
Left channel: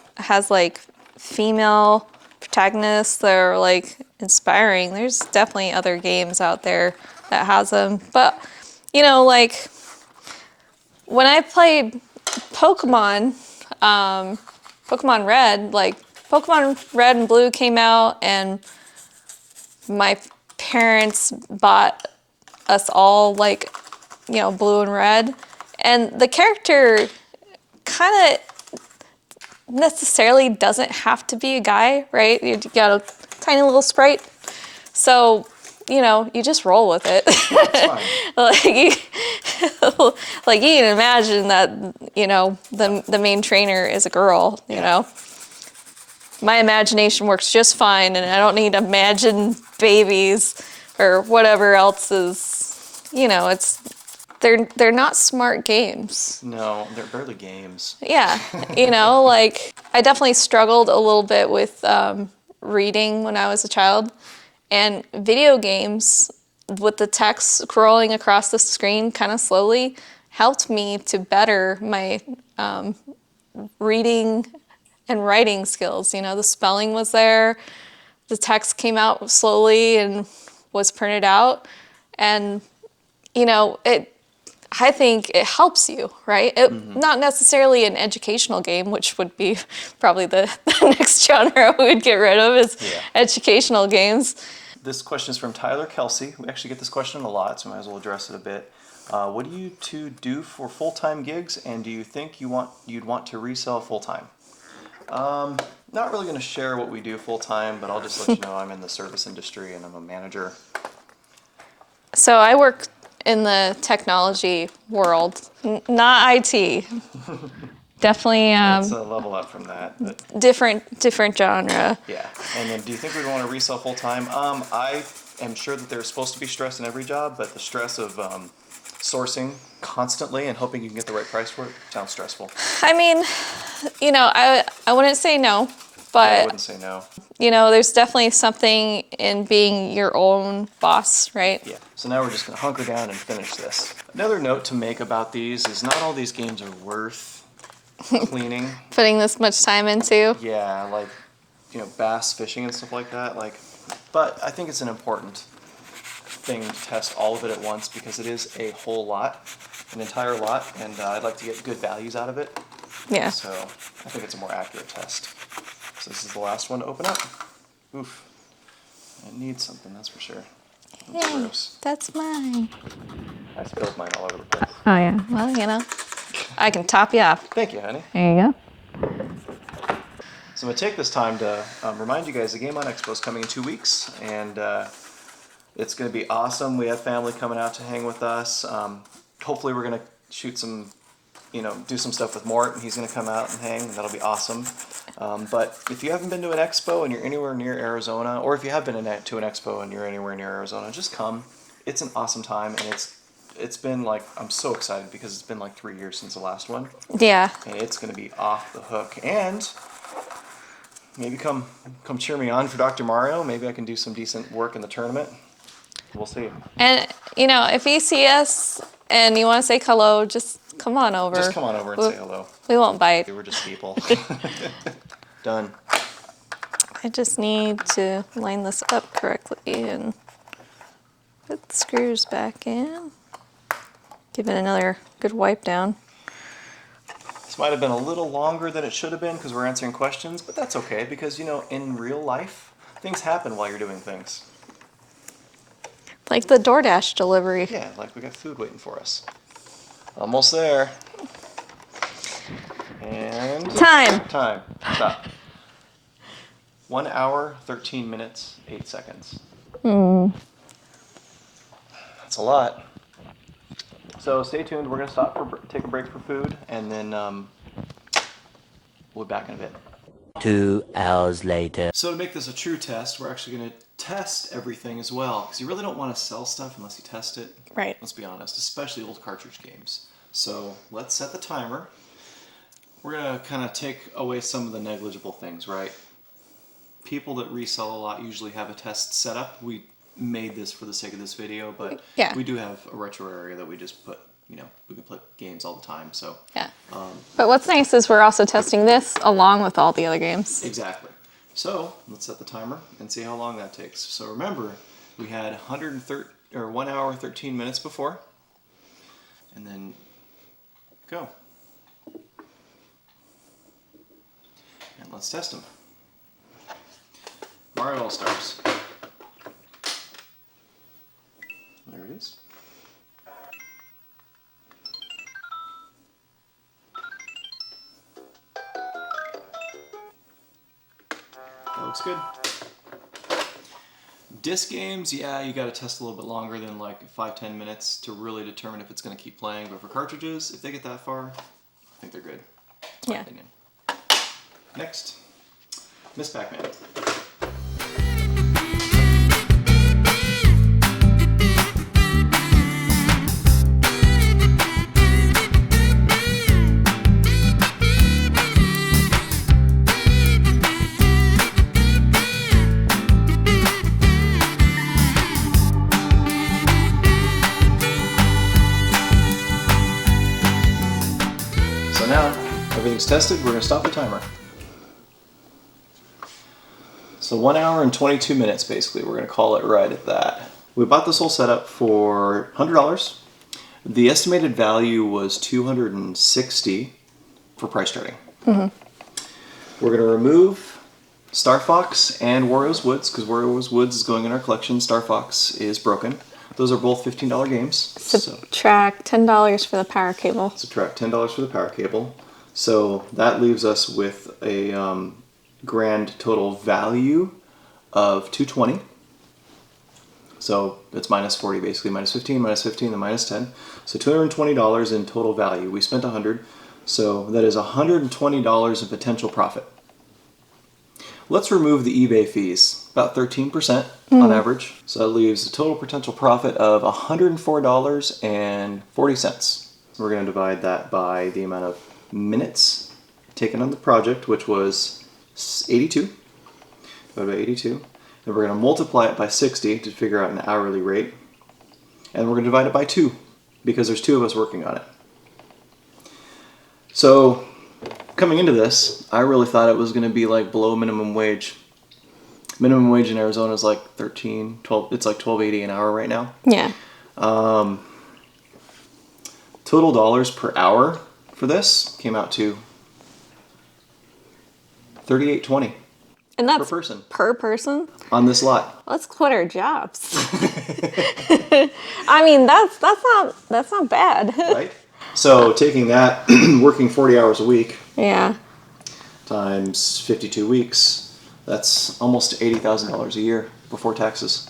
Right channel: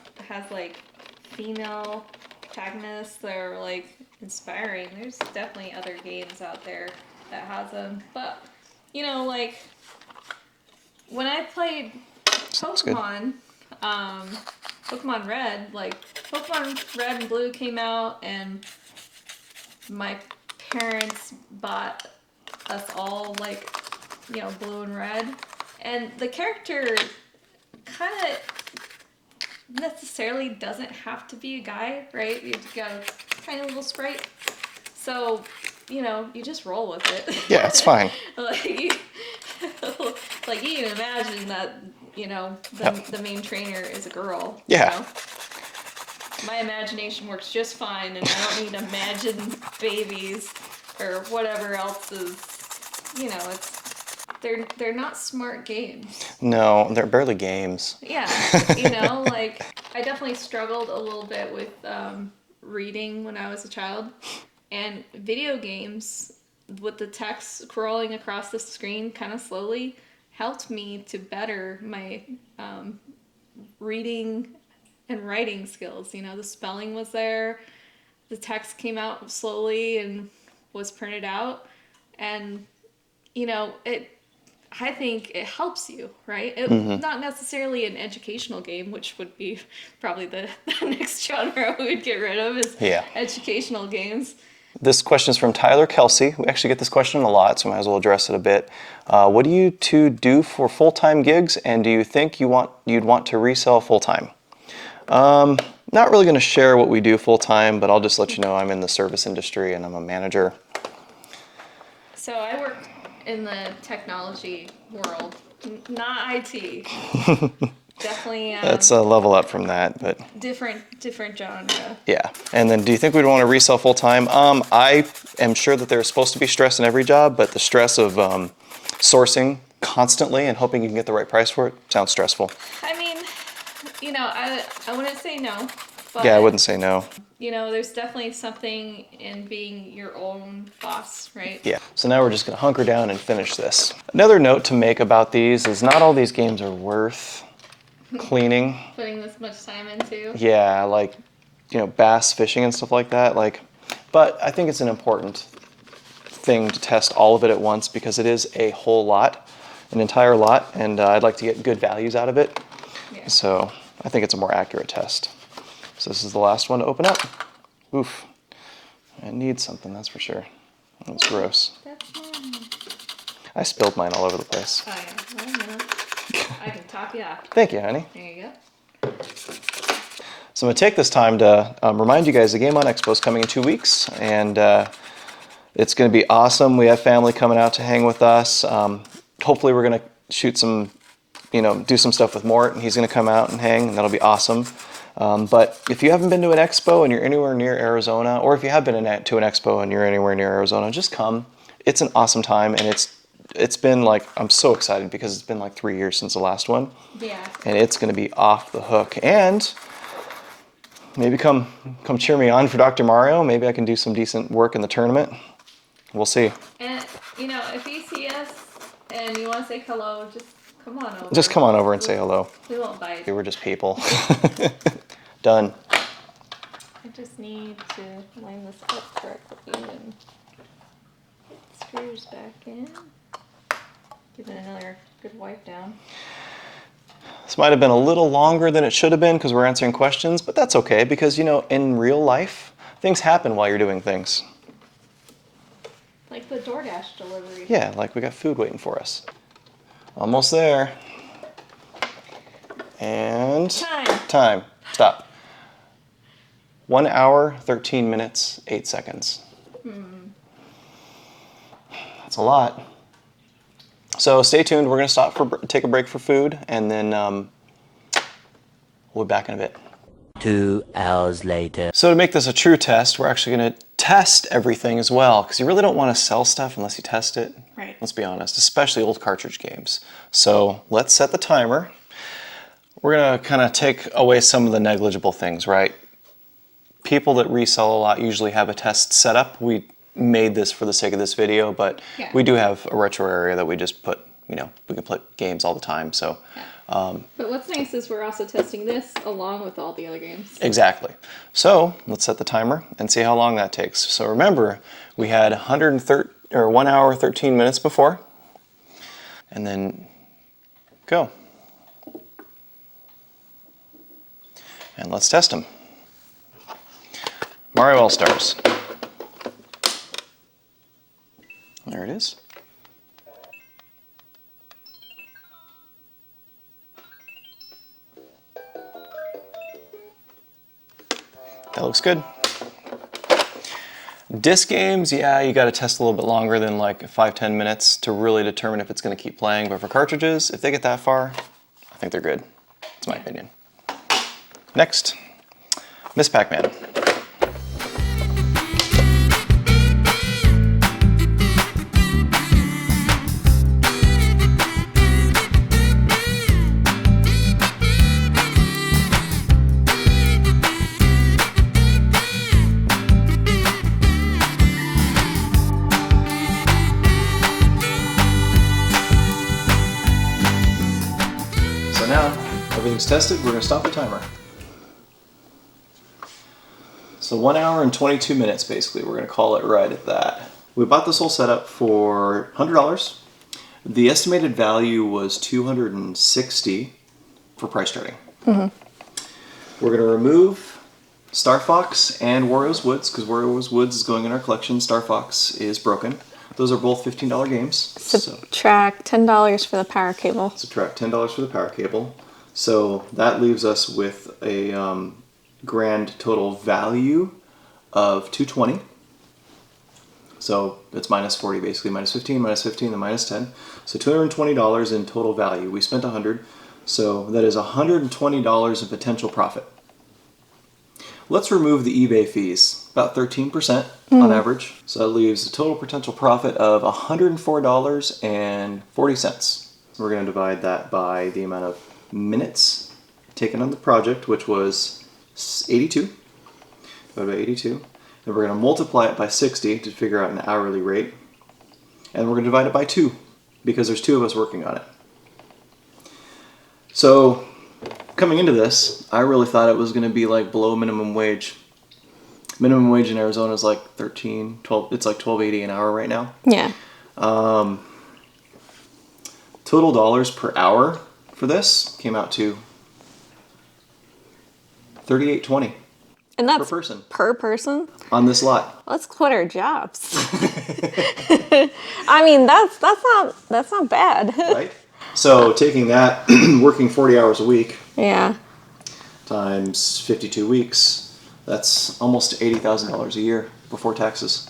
like, female protagonists that are, like, inspiring, there's definitely other games out there that has them. But, you know, like, when I played Pokemon, Pokemon Red, like, Pokemon Red and Blue came out, and my parents bought us all, like, you know, Blue and Red. And the character kind of necessarily doesn't have to be a guy, right? You got a tiny little sprite. So, you know, you just roll with it. Yeah, it's fine. Like you can imagine that, you know, the main trainer is a girl, Yeah. you know? My imagination works just fine, and I don't need to imagine babies or whatever else is, you know, they're not smart games. No, they're barely games. Yeah, you know, like I definitely struggled a little bit with reading when I was a child, and video games with the text scrolling across the screen kind of slowly helped me to better my reading and writing skills. You know, the spelling was there, the text came out slowly and was printed out, and you know, I think it helps you, right? Not necessarily an educational game, which would be probably the next genre we would get rid of is educational games. This question is from Tyler Kelsey. We actually get this question a lot, so I might as well address it a bit. What do you two do for full-time gigs, and do you think you'd want to resell full-time? Not really going to share what we do full-time, but I'll just let you know I'm in the service industry and I'm a manager. So I work in the technology world, not IT. Definitely. It's a level up from that, but Different genre. yeah. And then, do you think we'd want to resell full time? I am sure that there's supposed to be stress in every job, but the stress of sourcing constantly and hoping you can get the right price for it sounds stressful. I mean, you know, I wouldn't say no, but Yeah, I wouldn't say no. you know, there's definitely something in being your own boss, right? Yeah. So now we're just going to hunker down and finish this. Another note to make about these is not all these games are worth cleaning. Putting this much time into. Yeah, like, you know, bass fishing and stuff like that. But I think it's an important thing to test all of it at once because it is a whole lot, an entire lot, and I'd like to get good values out of it. Yeah. So I think it's a more accurate test. So this is the last one to open up. Oof. It needs something, that's for sure. That's gross. That's mine. I spilled mine all over the place. Oh yeah. Well, you know, I can top you off. Thank you, honey. There you go. So I'm going to take this time to remind you guys the Game on Expo is coming in 2 weeks, and it's going to be awesome. We have family coming out to hang with us. Hopefully we're going to shoot some, you know, do some stuff with Mort, and he's going to come out and hang, and that'll be awesome. But if you haven't been to an expo and you're anywhere near Arizona, or if you have been to an expo and you're anywhere near Arizona, just come. It's an awesome time, and it's been like, I'm so excited because it's been like 3 years since the last one. Yeah. And it's going to be off the hook. And maybe come cheer me on for Dr. Mario. Maybe I can do some decent work in the tournament. We'll see. And, you know, if you see us and you want to say hello, just come on over. Just come on over and say hello. We won't bite. We were just people. Done. I just need to line this up correctly and put the screws back in. Give it another good wipe down. This might have been a little longer than it should have been because we're answering questions, but that's okay because, you know, in real life, things happen while you're doing things. Like the DoorDash delivery. Yeah, like we got food waiting for us. Almost there. And... Time. Stop. 1 hour, 13 minutes, 8 seconds. That's a lot. So stay tuned. We're going to stop take a break for food, and then we'll be back in a bit. 2 hours later. So to make this a true test, we're actually going to test everything as well, because you really don't want to sell stuff unless you test it. Right. Let's be honest, especially old cartridge games. So let's set the timer. We're going to kind of take away some of the negligible things, right? People that resell a lot usually have a test set up. We made this for the sake of this video, but Yeah. we do have a retro area that we just put, you know, we can play games all the time, so. Yeah. But what's nice is we're also testing this along with all the other games. Exactly. So let's set the timer and see how long that takes. So remember, we had 1 hour, 13 minutes before, and then go. And let's test them. Mario All-Stars. There it is. That looks good. Disc games, yeah, you got to test a little bit longer than like 5-10 minutes to really determine if it's going to keep playing. But for cartridges, if they get that far, I think they're good. That's my opinion. Next, Miss Pac-Man. So now, everything's tested, we're going to stop the timer. So 1 hour and 22 minutes, basically. We're going to call it right at that. We bought this whole setup for $100. The estimated value was $260 for price starting. We're going to remove Star Fox and Wario's Woods, because Wario's Woods is going in our collection. Star Fox is broken. Those are both $15 games. Subtract $10 for the power cable. Subtract $10 for the power cable. So that leaves us with a grand total value of $220. So it's minus 40 basically, minus 15, then minus 10. So $220 in total value. We spent $100, so that is $120 in potential profit. Let's remove the eBay fees, about 13% on average. So that leaves a total potential profit of $104.40. We're going to divide that by the amount of minutes taken on the project, which was 82. Divided by 82. And we're going to multiply it by 60 to figure out an hourly rate. And we're going to divide it by 2 because there's 2 of us working on it. So coming into this, I really thought it was going to be like below minimum wage. Minimum wage in Arizona is like 12, it's like $12.80 an hour right now. Yeah. Total dollars per hour for this came out to $38.20 And that's per person. Per person? On this lot. Let's quit our jobs. I mean, that's not bad. Right? So taking that, working 40 hours a week, Yeah. times 52 weeks, that's almost $80,000 a year before taxes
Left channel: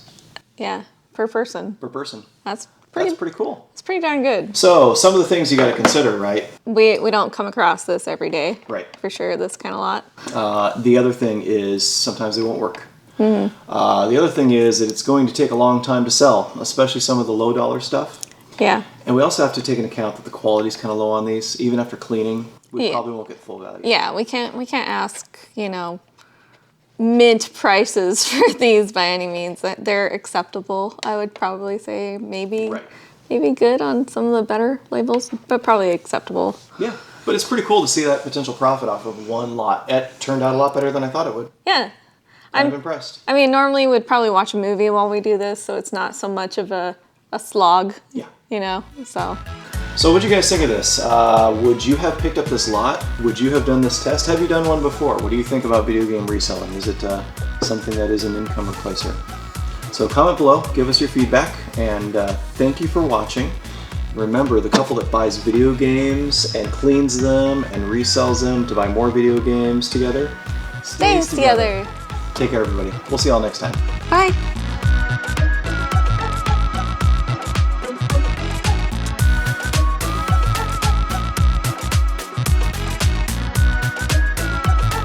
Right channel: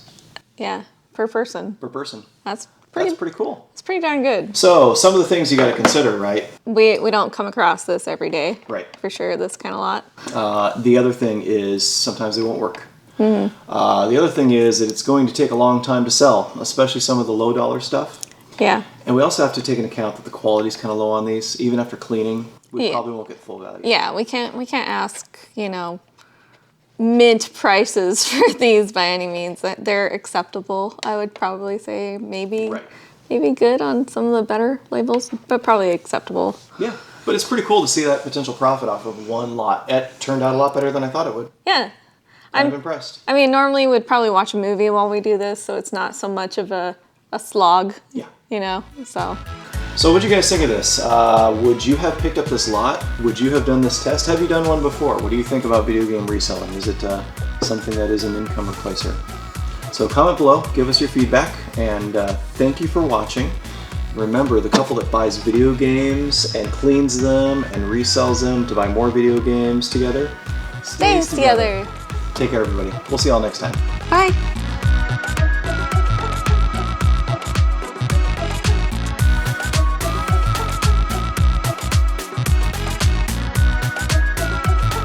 Yeah. Per person. per person. That's That's pretty cool. It's pretty darn good. So some of the things you got to consider, right? We don't come across this every day. Right. For sure, this kind of lot. The other thing is sometimes they won't work. The other thing is that it's going to take a long time to sell, especially some of the low dollar stuff. Yeah. And we also have to take into account that the quality's kind of low on these. Even after cleaning, we Yeah. probably won't get full value. Yeah, we can't ask, mint prices for these by any means. They're acceptable, I would probably say. Maybe Right. maybe good on some of the better labels, but probably acceptable. Yeah, but it's pretty cool to see that potential profit off of one lot. It turned out a lot better than I thought it would. Yeah. I'm impressed. I mean, normally we'd probably watch a movie while we do this, so it's not so much of a slog. Yeah. So. So what'd you guys think of this? Would you have picked up this lot? Would you have done this test? Have you done one before? What do you think about video game reselling? Is it something that is an income replacer? So comment below, give us your feedback, and thank you for watching. Remember, the couple that buys video games and cleans them and resells them to buy more video games together Stays together. Take care, everybody. We'll see y'all next time. Bye.